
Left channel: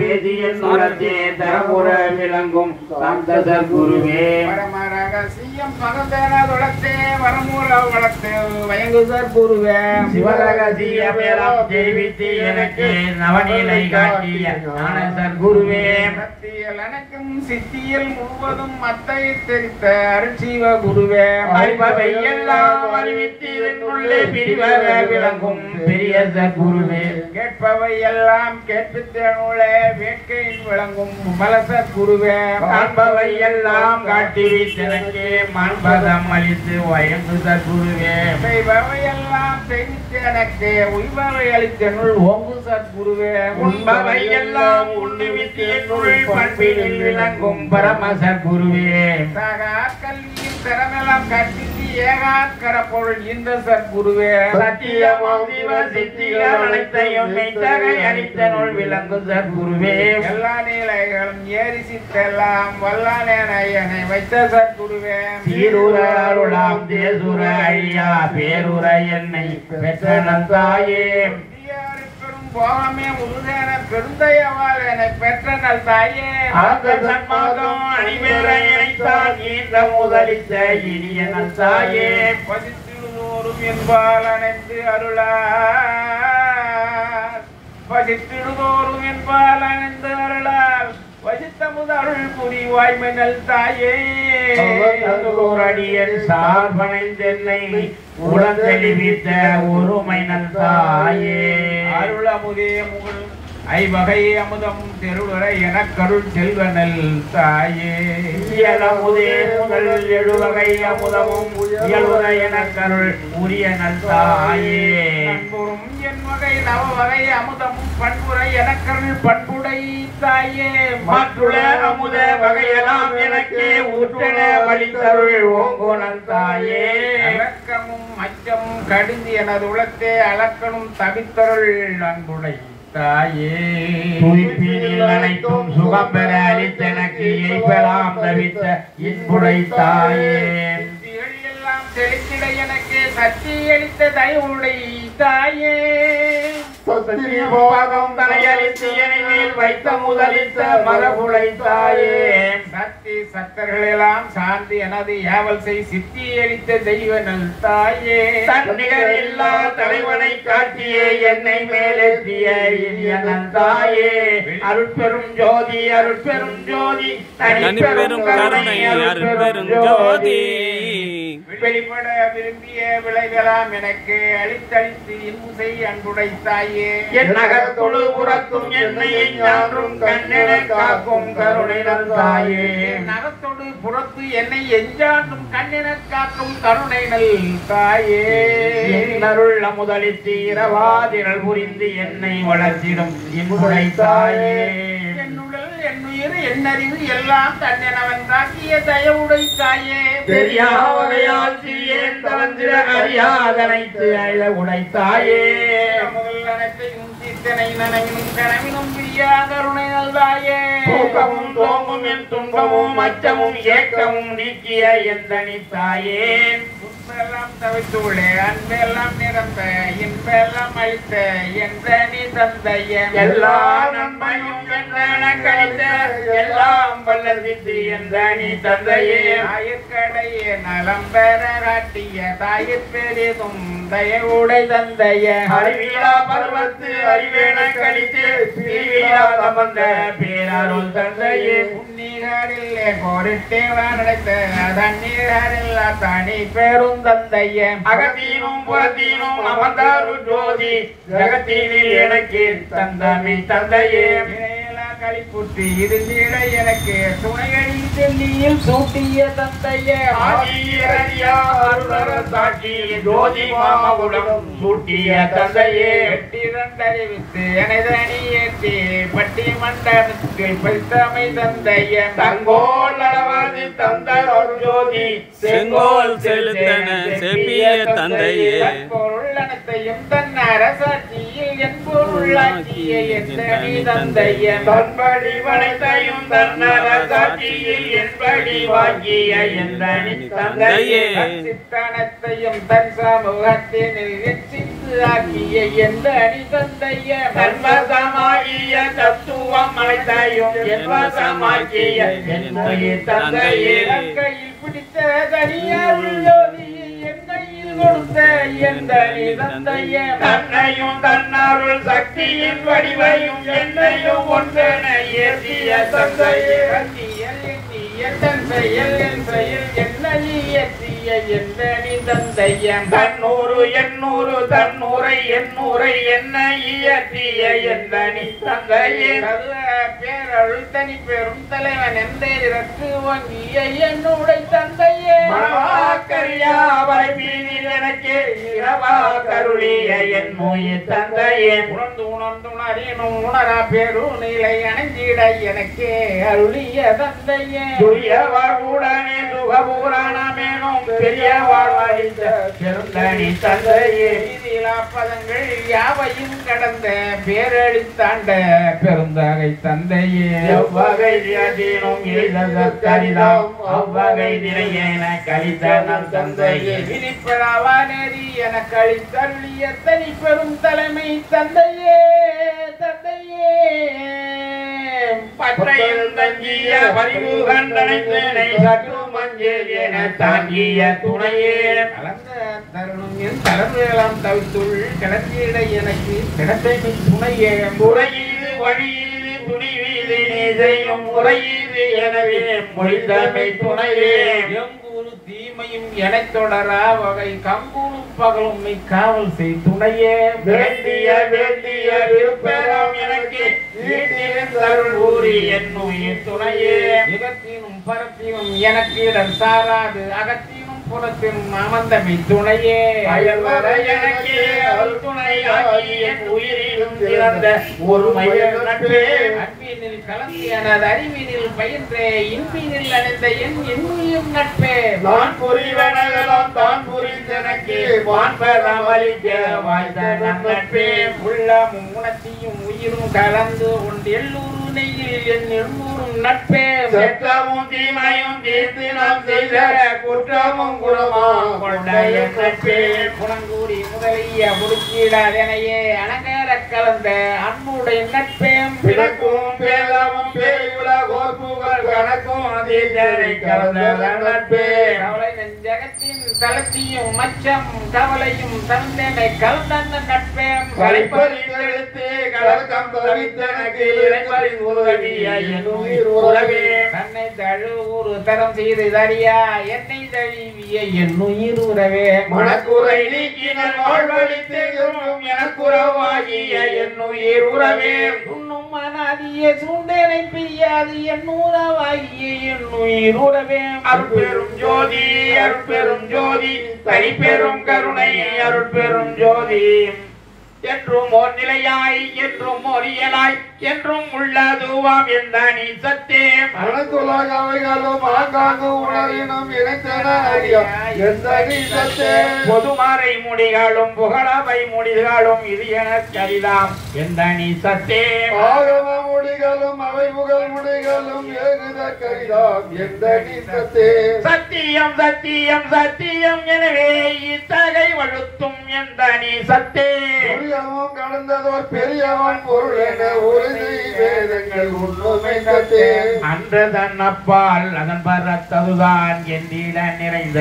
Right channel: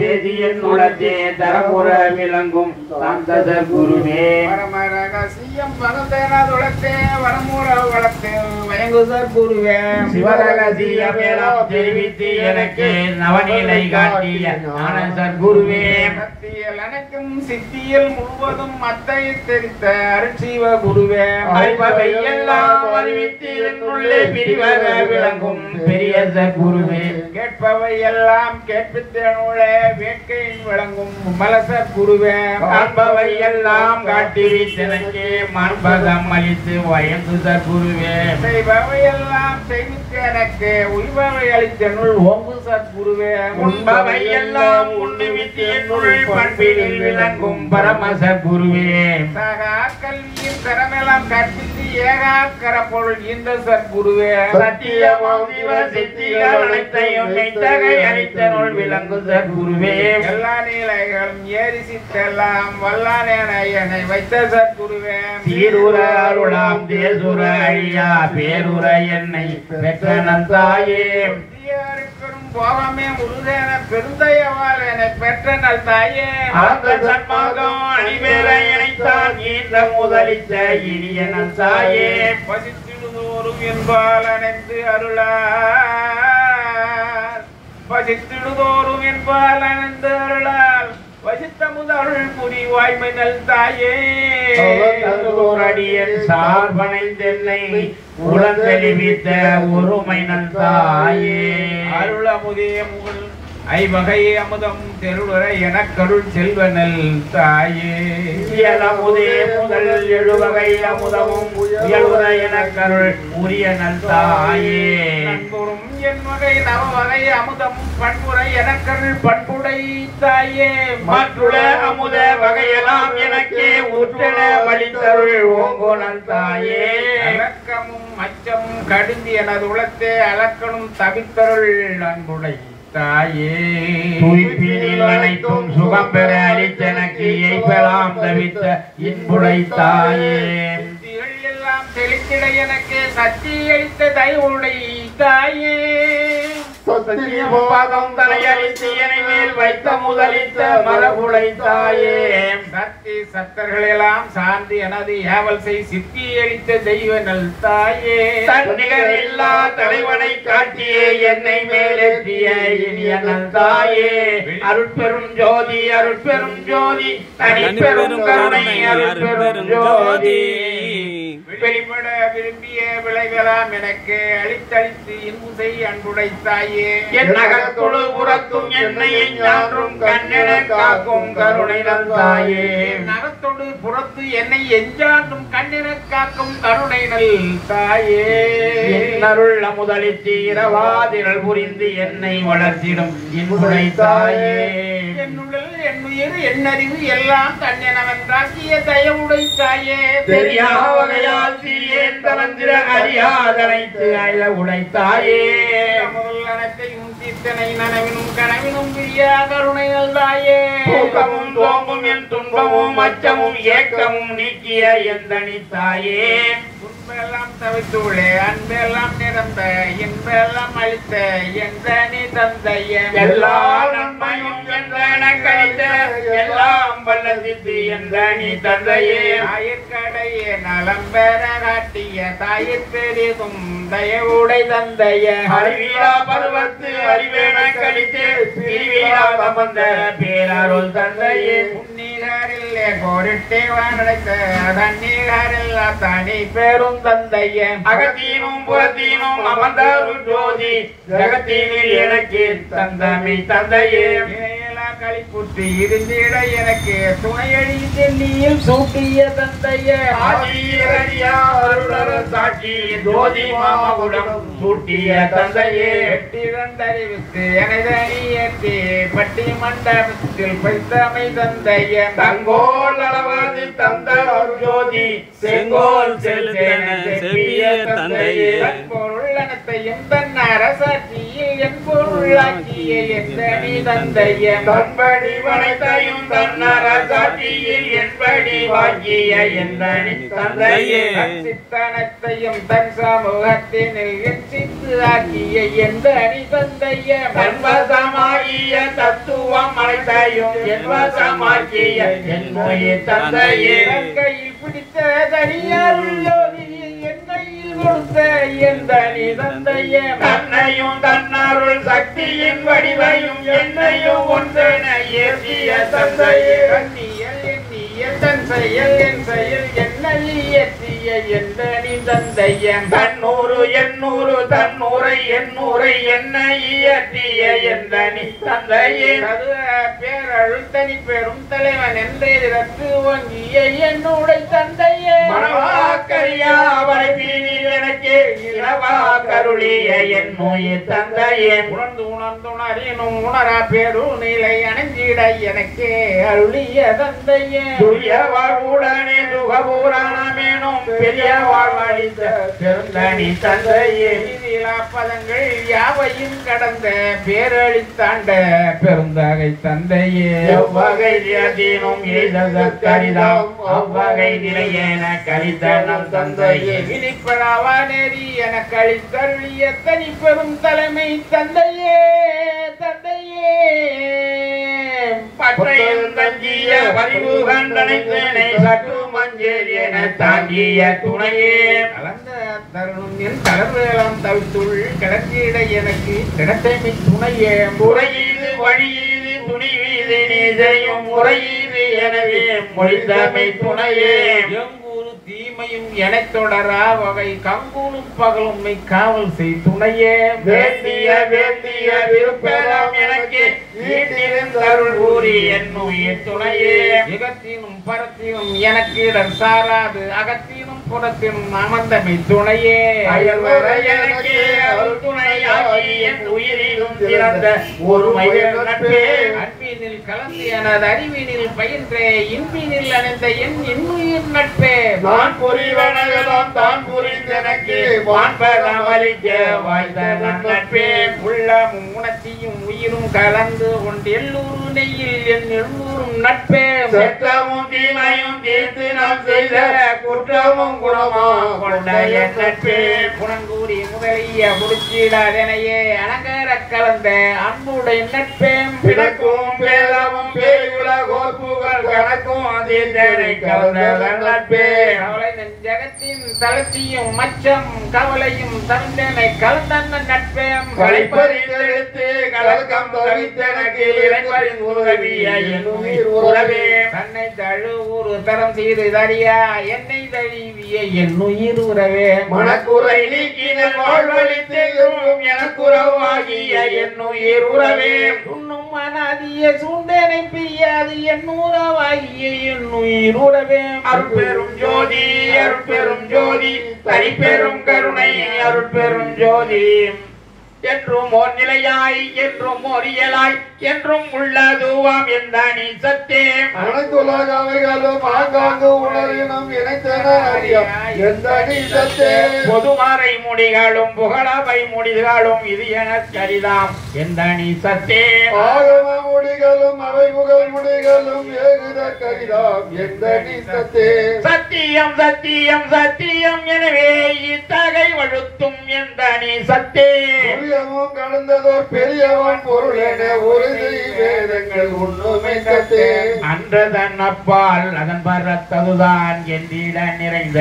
பேதியன் உலத்தே தரமுற விளங்கும் சாந்ததர் குருவே பரமரகசியம் பகந்தேனதுளத்தே வரமுற வளர்த்து வயங்குதற் குருவே சிவரகசியம் எல்லாம் தெரிவித்து எனக்கு நவநிலை காட்டிய ஞானசர் குருவே சத்தியல் அனைத்தும் சித்தியல் முழுவதும் மத்தை தெரித்த அருட்சிவ குருவே அறிபவை எல்லாம் அறிவித்து என்னுள்ளே பிரிவாக விளங்கும் பெரிய குருவே கேட்பவை எல்லாம் கேட்பித்தனுள்ளே வேட்கையில் விளங்கும் மலசர் குருவே காண்பவை எல்லாம் காட்டி எனக்கு மாண்பகம் அளித்து வயங்குதர் குருவே செய்பவை எல்லாம் செய்வித்து எனக்கு உய்பவை அளித்தனுள் ஓங்கு சத்குருவே உண்பவை எல்லாம் உண்ணுவித்து என்னுள் பண்பினில் விளங்கும் பரமசர் குருவே கல்வியின் திறமெல்லாம் கற்பித்து ஏகாக்கர பொருள் இந்த சத்குருவே சத்தியமாம் சிவ சித்திகள் அனைத்தையும் மெய்த்தகை அளித்தனுள் விளங்குதர் குருவே எல்லா நிலைகளும் ஏறி சித்தெல்லாம் வல்லானேனை வைத்த சத்குருவே தீருர அருளாம் தேசுர ஐயா பேருர என்னை பெற்றனன் தாயே பெரும் போகமே முருகன பெருந்தயவால் என்னை பெற்ற நல் தாயே அந்த சன்மார்க்கம் அணிவேலை இணைத்தான் ஈன்ற முதலித்த இனியனன் தாயே பசித்திடுதோறும் என்பால் அணைந்து அருளார் பசித்திடுதோறும் என்பால் அணைந்து அருளார் வசித்த முதல் புரி வாய்மை நல் தாயே அடியன் சார்பனைந்தென்னை உடன் தெளிவித்த ஒருமை நல் தாயே அருளமுதே முகல் ஐவகை அமுதம் தெருளுரை எனக்கருள் செல்வனல் தாயே இயலமுதே முதல் எழுவகை அமுதமும் இயலுற எனக்கருள் உரிய நல் தாயே நண்புறும் என் வகை நவவகை அமுதமும் பண்புரை எனக்கருள் பண்புடை தாயே மற்றுள்ள அமுத வகையெல்லாம் எனக்கே ஊற்றென வழித்தருள் ஓங்கோனல் தாயே அலக்கமும் அச்சமும் கடிந்து எனது உளத்தே அலக்கணும் தவித்தருள் நண்புடை தாயே துய்ப்பினில் அனைத்தும் சுகம் பெற அளித்தெனக்கு எய்பெலாம் தவித்த இன்புடை தாயே சித்திகள் எல்லாம் தெளித்திட எனக்கு சக்தி அளித்த தயவுடை தாயே பாகம் தலையளித்து என மேல் வைத்த முதலித்த மரபுடை தாயே சக்தி சத்தர்கள் எல்லாம் சார்ந்து எனது ஏவல் செய் சித்தி அளித்த தெய்வ நல் தாயே தன்னிகர் இல்லா தலைவனை காட்டியே என்னை மேலேற்றிய இனிய நல் தாயே அருட்பெரும் ஜோதி அருட்பெரும் ஜோதி தனிப்பெரும் கருணை அருட்பெரும் ஜோதி வெளிப்பட விரும்பிய விளைவெல்லாம் எனக்கு அளித்தளித்து இன்புசை அன்புடை தாயே என் நகத்தொழு புறத்தும் என்னை ஞான்றும் கண்ணென காக்கும் கருணை நல் தாயே நகத்தோடு புறத்து என்னை எஞ்சாண்டும் கண்ணென காக்கும் கருணை நல் தாயே என் அருள் அமுதளித்து இரவாதிரள் புரிந்து என்னை வளர்த்திடும் இன்புடை தாயே என்னுடல் என்னுயிர் என்னறிவு எல்லாம் தன்னெனவன் காட்டிய தயவுடை தாயே தெரியா வகையால் சிறியேன் தளந்திர அறியாதனைத்து அழ உடைத்தாயே முதல் அனைத்தையும் தீர்த்தனை நனவினும் கனவினும் பிரியா கருணை நல் தாயே தூக்கமும் தோமும் என் துன்பமும் அச்சமும் ஏக்கமும் நீக்கிய எந்தனி தாயே துன்பெல்லாம் தவித்துள்ளே அன்பெல்லாம் நிரந்த இன்பெல்லாம் அளித்த எந்தனி தந்தைய எல்லா நன்மையும் என்றன கழித்த எல்லாம் வல்லதித்து எந்தனி தந்தையே ஆயிற்கடையே நலம் பெற காட்டிய தாயிற் பெரிதும் தயவுடை தந்தைய அறிவிலா பருவத்து அறிவேன கழித்து பிரிவிலா சம்பந்த பேரருள் தந்தையே உன்னீரில்லே கோரிட்டே வானடைத்த தண்ணீரில்லா தனி பெரும் தந்தைய அகத்தீனும் புறத்தீனும் அமர்ந்தாருள் ஜோதி ஜகத்தீனில் எனக்கு தந்தமி தந்தையே களிப்புற்று இருந்திட எனக்கு துணையடி தெல்லியில் சூட்டிய தந்தைய ஆதியரியா அருளர சாட்சி ஜோதி மாமகுடம் சூட்டிய தந்தையே எட்டிரண்டறிவுக்கு எனதனி ஏற்றி பட்டி மண்டபத்தில் பைத்தமை தந்தைய தங்கோல் அளவது தந்த அருள் ஜோதி செங்கோல் செலுத்தன செப்பிய தந்தையே பொருளனத்தையும் தன் அரசாட்சியில் என் பொருளாக்கிய எந்தனி தந்தைய தன்படி வனைத்தையும் தன்னர சாட்சியில் என்படி வாங்கிய எந்தனி தந்தையே சித்தனத்தையும் தன் சமூகத்தினில் எச்சித்து ஆக்கிய எந்தனி தந்தைய மன்வசமாகிய தத்துவம் அனைத்தையும் என்வசமாக்கிய என்னுடைய தந்தையே கையில் பிடித்த தனியாருள்ளோதி என்னை கொடுத்த எந்தனி தந்தைய தன்னையும் தன்னருள் சக்தியின் வடிவையும் என்னையும் ஒன்றென ஏற்றிய தந்தையே கண்ணியல் எண்ணிய தன் செயல் என் செயல் என்னை இயற்றிய எந்தனி தந்தைய தன்னூறு எண்ணூறு தன்னூரை எண்ணூரை என்னை இயற்றிய எந்தனி தந்தையே பேரருள் தனி பெரும் தலைவன் எந்திரத்து வங்கிய என்னுடைய தந்தையே மனவாக்கரியா வரைப்பீனில் எனக்கு இரவா கருளிய என் நோய் தந்தையே உணர்ந்து உணர்ந்துணரினும் உணரா பெரு நிலை அணைந்திட எனக்கே அருளிய தந்தையே துரிய வாழ்வுடனே சுகபூரணமேனும் பெரிய வாழ்வழித்த பெருந்தனி தந்தையே பதங்கள் யாவையும் கடந்த பேரழித்தாண்ட பெருந்தகை தந்தையே எவ்வகை தினமும் எய்தற்கரிதாம் அவ்வகை நிலையென கழித்த நம் தந்தையே விழிப்படாவா நெறி என கழித்தருளிய தனி பெரும் தலைமை தந்தையே தந்தையே பற்றையும் தங்கிய பரிவு கண்டனைத்தேனை சற்று மஞ்சள் என தாங்கிய துணையே கலந்த தருணம் என் தலைமையெல்லாம் தவித்துள் கிடத்திட எனக்கு கிடத்தைமை துணையே முறையீது வழியீது துணிவீது நீதையும் முறையீது எனவே மொழிந்தமை துணையே எங்கூறு தீமையும் எனத் தொடரா வகை கங்கூரும் பகலும் காவல் செய் துணையே வேண்டிய வேண்டிய விருப்பம் எனக்கு வீட்டிருந்தருள் கூறி என் உயிர் துணையே மிகத்தினும் பரத்தினும் எனக்கு இடம் சாராது அகத்தினும் புறத்தினும் அமர்ந்தமை துணையே அயல்வர எனக்கே அருள் துணையாகி என் உயிரிலும் சிறந்த ஒருமையில் நட்பே அன்பினில் கலந்து எனது அறிவினில் பயின்றே இன்பினில் அணைந்த என் இன்னுயிர் நட்பே வான் புரிவனகளும் தான் புரிந்தனக்கு வான்பதம் அளிக்க வாய்ந்த நட்பே உள்ளமும் உணர்ச்சியும் உயிரும் கலந்து கொண்டு எல்லூரு நெய்யில் என் எண்ணூரும் நட்பே செற்றமும் தீமையும் தீர்த்து நாம் செய்த குற்றமும் குணமும் கொண்ட என் நட்பே குணங்கூடி முதலிய முடிச்சிடாதனையே அலங்கார கலந்த அன்புடைய நட்பே பிறக்கும் பேதமும் பேயுல கோப்புகள் கணக்கும் அதீதனை கலந்த நட்பே கவலை நெஞ்சகத்தின் தளர்ச்சியும் மச்சம் கவலையும் தந்தனை கலந்த நட்பே கலைப்பறிந்தெடுத்து கலக்கம் தவித்தனக்கு இறைவரின் உதவிய என் உயிர் உறவே தன்னை தழுவுறு தரம் செய்து தரியா என்னை தழுவிய என் உயிர் உறவே மனக்குறை நீக்கினல் வாழ்வழித்தெங்கும் எனக்குறவாகிய என் உயிர் உறவே உண்ணும் மனாதிய சூண்டனை பெய்யாது என் உறவாகிய என் உயிர் உறவே அருட்பெரும் ஜோதி அருட்பெரும் ஜோதி தனிப்பெரும் கருணை அருட்பெரும் ஜோதி என்றும் ஓர் நிலையாய் என்றும் ஓர் இயலாய் என்றும் உள்ளதுவாம் எந்த நீ சத்தே அனைத்துலக அவைகளும் ஆங்காங்கு உணரினும் இணைத்தன அறியா எந்த நீ சத்தே பொதுமறை முடிகளும் புகழவை முடிகளும் இது எனக் கரிதாம் எந்த நீ சத்தே ஆகம முடிகளும் அவை புகழ் முடிகளும் ஏகுத கரிதாம் எந்த நீ சத்தே சத்தியம் சத்தியம் சத்தியம் எனவே இத்தகை வழுத்தும் எந்த நீ சத்தே புரியவும் கடந்ததோர் பெரியவன் பொருள் என உறுதி வேதங்கள் உண்மை சத்தே அன்றதன் அப்பால் அதன் பரத்ததுதான் என்றிட நிறைந்த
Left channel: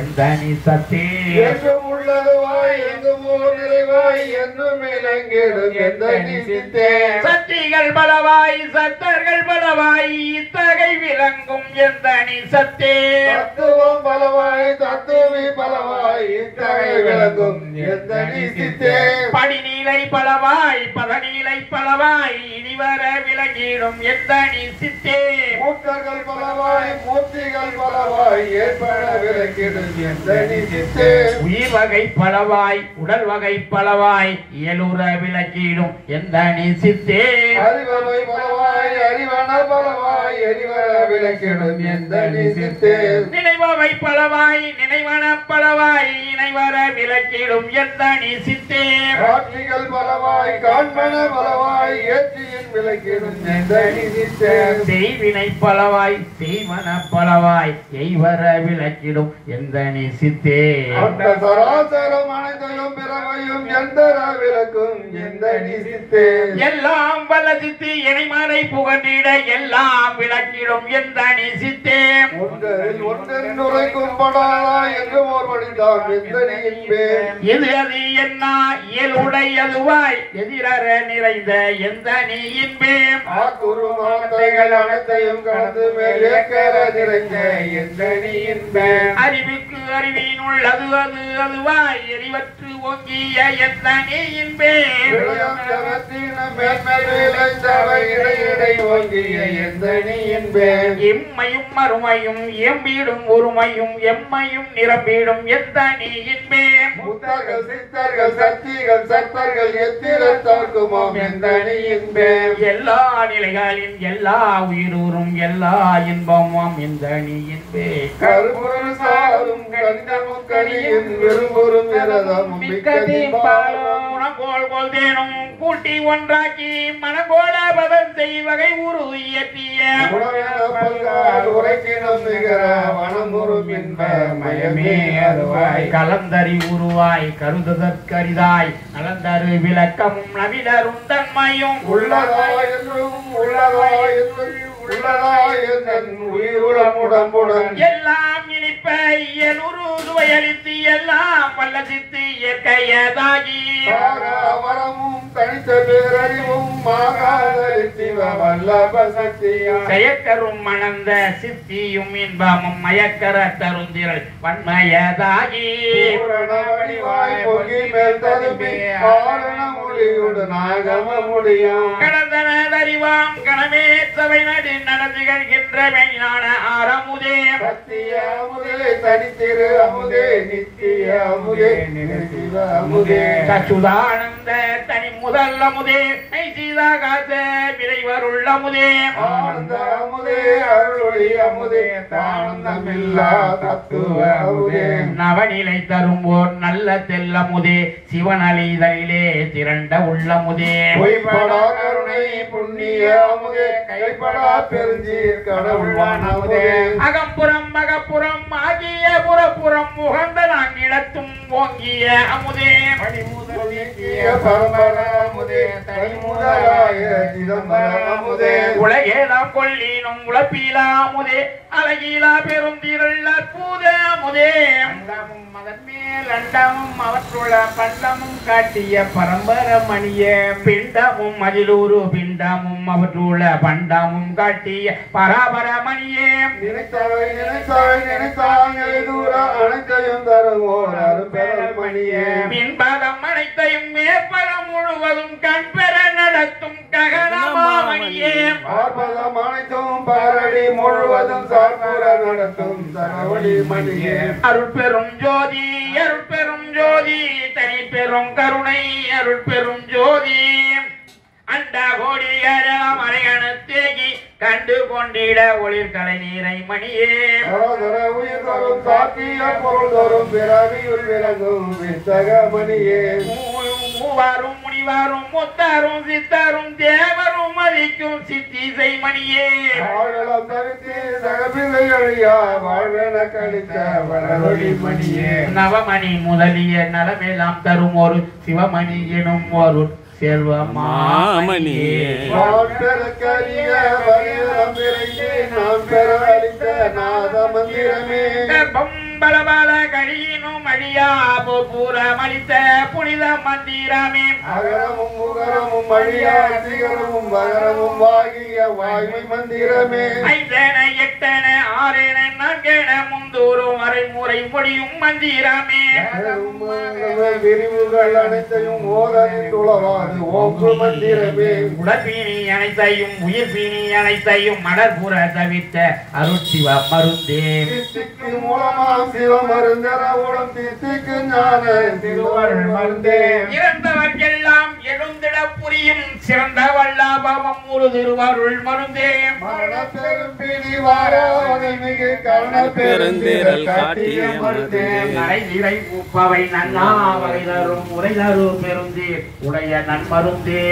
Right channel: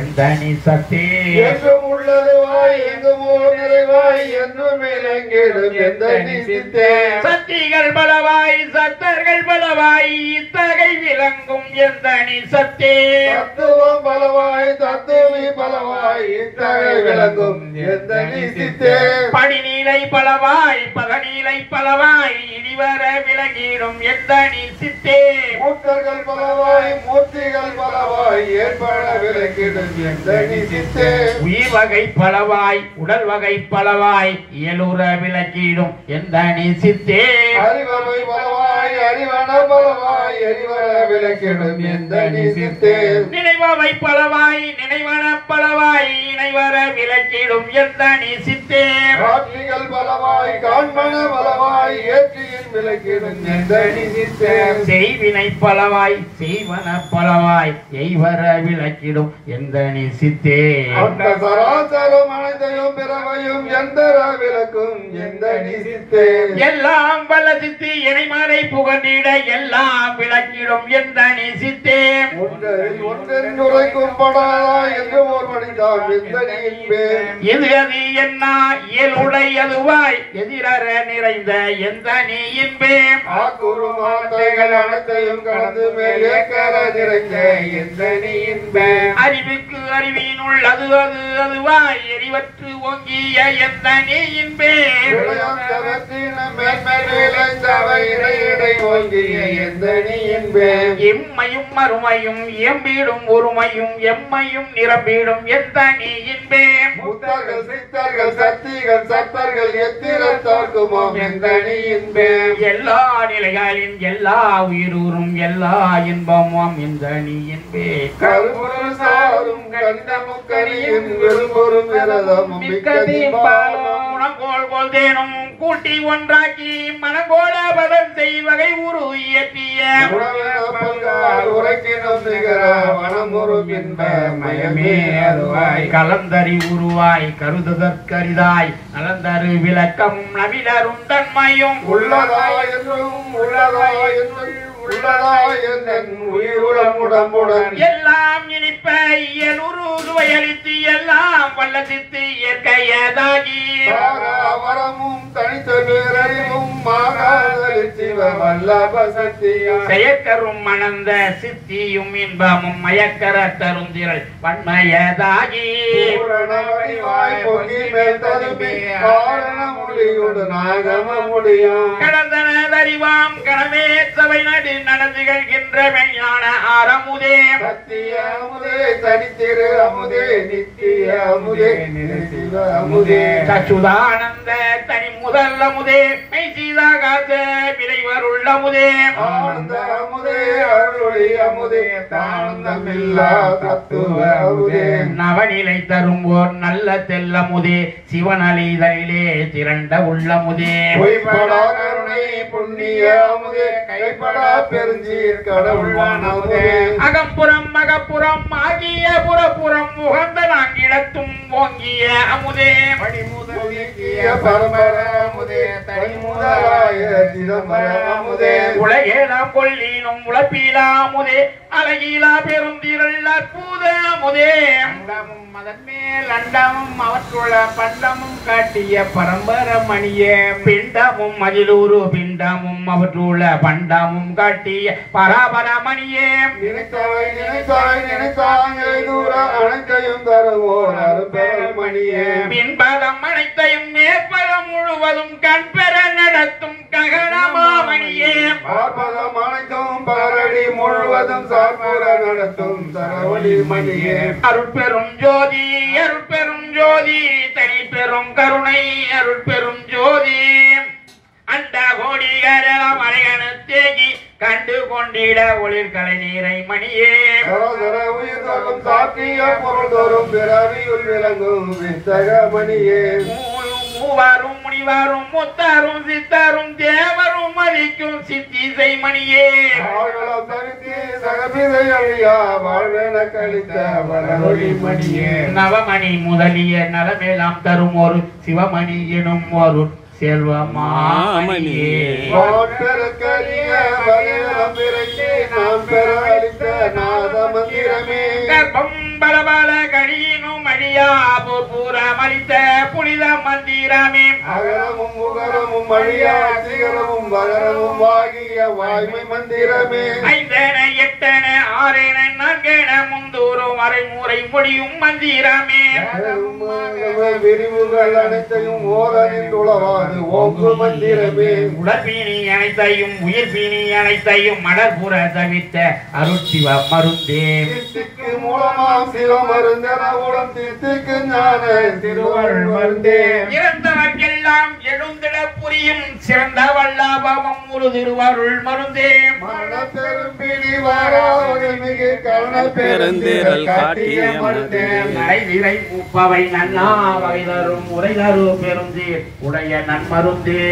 எந்த நீ சத்தே என்றும் உள்ளதுவாய் எங்கும் ஓர் நிறைவாய் என்றும் இலங்கிடும் எந்த நீ சித்தே சத்திகள் பலவாய் சத்தர்கள் பலவாய் இத்தகை விளங்கும் எந்த நீ சத்தே தத்துவம் பலவாய் தத்துவி பலவாய் இத்தகை விளங்கும் எந்த நீ சித்தே படிநீலை பலவாய் பதநீலை பலவாய் இனிவர விளங்கிடும் எந்த நீ சித்தே மூர்த்தர்கள் பலவாய் மூர்த்திகள் பலவாய் ஏற்பட விளக்கிடும் எந்த நீ சித்தே உயிர் வகை பலவாய் உடல் வகை பலவாய் இயலுற விளக்கிடும் எந்த நீ சித்தே அறிவமை பலவாய் அறிவன பலவாய் எரிவர விளக்கிடும் எந்த நீ சித்தே நினைவவை பலவாய் நினைவன பலவாய் இணைவர விளக்கிடும் எந்த நீ சித்தே காட்சிகள் பலவாய் காண்மன பலவாய் ஏற்றியின் விளக்கிடும் எந்த நீ சித்தே செய்வினை பலவாய் செய்வன பலவாய் எய்வர விளக்கிடும் எந்த நீ சித்தே அந்த சராசரம் அனைத்தையும் பிறவையும் எந்தர விளக்கும் எந்த நீ சித்தே எல்லாம் வல்ல சித்தி இணைமறை புகண்டிட எல்லாம் விளக்கிடும் எந்த நீ சித்தே ஒன்றில் ஒன்றென்று உரைக்கும் படாதா என்று ஓர் மனிதான் எந்த நீ என்பே எது அது என்ன இயலுடையதுவாய் எதிரற நிறைந்த எந்த நீ இன்பே ஆக்குரு மாத்தைகள் அனைத்தையும் கடந்து மேலே கர நிறைந்த எந்த நீ என்பே அறிவுக்கு அறிவினுள் அது அது அதுவாய் எரிவற்று ஓங்கிய எந்த நீ இன்பே விளையம் ஜகத்தின மேன்மேல் விளைந்தவை இடை இடை ஓங்கிய எந்த நீ என்பே இம்மையும் மறுமையும் எம்பீடும் ஒருமையும் எம்மையும் நிரம்பிடும் எந்த நீ இன்பே முத்தர்கள் சித்தர்கள் சக்திகள் சத்தர்கள் எத்திரத்தாக்குமாம் எந்த நீ என்பே எல்லா நிலைகளின் எல்லா உயிரூரும் எல்லா இன்பமும் எந்த நீ இன்பே கரும்பொருள் சாரும் கந்தமும் கனியும் விரும்புறும் விரதமும் மிக்கதின் பாலும் உணங்கோல் போல் தேனும் கூட்டி ஒன்றாக்கி மனங்கோல பதம் செய்வகை உரு இயற்றிய உணவின பல்கால் உரைக்கினும் நிகர வனமுறும் இன்ப மயமே அருவாய் கலந்தறி உருவாய் கருதுதற்கரிதாய் நலந்தரு விளக்கமும் நவிலரும் தன்மையும் உள்ளதா என்றும் உள்ளதா என்றும் உள்ளதா என் உயிருளம் உடம்புடன் எல்லாம் இனிப்ப இயலுரு சுவையளித்து எல்லாம் வல்லசித்து இயற்கையதாகி வரமும் தனித்த பேரறிவும் மாகாதலி சிவ வல்லப சக்தியும் செயற்கரும் மணந்த சித்தியும் இன்பமும் மயக்கர தருந்திரள் வன்மயதாகி பூரணவடிவாய் பொங்கி மேல் ததும்பி காரண மொழியோடு நாகம முடியும் கடந்தனதறிவாம் கடமே சபை நடு நடந்துகின்ற மெய்ஞான ஆரமுதே சத்திய அமுதே தனித்திரு அமுதே நித்திய அமுதே நினைசிவ அமுதே சச்சுதானந்த தனி முதல் அமுதே மெய் சீதாகாச விளைவருள் அமுதே ஆனந்த அமுதே அருளொளி அமுதே தானந்தமில்லா தத்துவ அமுதே நவநிலை தரும்போர் நல்ல தெல்லமுதே சிவனலிதழிலே திரண்ட உள்ளமுதே பொய்படா கருணை புண்ணிய அமுதே கைப்படா பெருஞ்சீர் கடவுள்வான் அமுதே அகப்புறம் மக அகப்புறம் ஆகிய புறப்புறம் உகந்த நான் இடத்தும் ஓங்கிய அமுதே உலகேலாம் கொள்ளினும் உழப்பீலா அமுதே அழகீலா பெருந்திரள் அற்புத அமுதே அதன் மேல் அண்டமும் அவற்றுள்ள பண்டமும் காட்டிய பரம்பரமணியே பிண்டமும் அதிலூரு பிண்டமும் அவற்றுள்ள பண்டமும் காட்டிய பராபரமணியே நினைத்தாய் நினைத்தாய் நினைத்தாய் தூர அனைத்தையும் தருவோர் அரும்பெருமணியே மின்பதம் அனைத்தையும் மேற்பதம் முழுவதும் கண்பெற நடத்தும் ககனமாமணியே பார்ப்பதம் அனைத்தும் பாரடி முழுவதும் சார்புற நடத்தும் சரவழி மணியே அருள் பெரும் ஜோதி அருள் பெரும் ஜோதி தனி பெரும் கருணை அருள் பெரும் ஜோதி அந்த கோடிகளெல்லாம் அணையணத்தேகி கண்டு கொண்டிட ஒளிர்கலை நீரை மணியே உயிர் தரும் சாத்திய பொருள் தரும் பிறவியுள் விளங்கும் வித்தக மணியே மூவாரும் முனிவாரும் முத்தாரும் சித்தாரும் தேவரும் மதிக்கும் சித்திசை மணியே ஆழலம் தருத்தி சகபிதை அழியா வாழ்வென கழித்த வரவழி மணியே நவமணி முதலிய நலமெல்லாம் தரும் ஒரு சிவமணி எனும் ஒரு செல்வமாமணியே நாம் பெற அளித்த நாத மந்திரமே கர்ப்பம் பலபல கழியினும் அழியா பூரமளித்த புனித மந்திரமே அகரமும் முகரமும் அழியா சிகரமும் வகரமும் ஆகிய வாய்மை மந்திரமே ஐந்தன எட்டன ஆறென நான்கென முந்தூரும் அரைமுறை பொழியும் மந்திரமே விரிவுகள் அனைத்தையும் ஓதனில் உளவாது ஓங்கு மந்திரமே உடற்பீனி அனைத்தையும் உயிர் பீனி அனைத்தையும் மலர்புற தவிர்த்த அருட்சிவ மருந்தே சித்திக்கு மூலமாம் சிவ மருந்தன உளம் சித்திக்கு ஞான திருவருள் மருந்தே இறந்தவர்க்கெல்லாம் எழுந்திட புரியும் சிறந்த வல்லாபவம் ஒரு திருவருள் மருந்தே மரண பெரும்பிடி வாராவதை மிகு கருண பெருந்திரள் காட்டிய மருந்தே நடைவிரை உப்பவை நன்னா வகை தரும் உரை தரு பெருந்தீர் உடைய நன்மருந்தே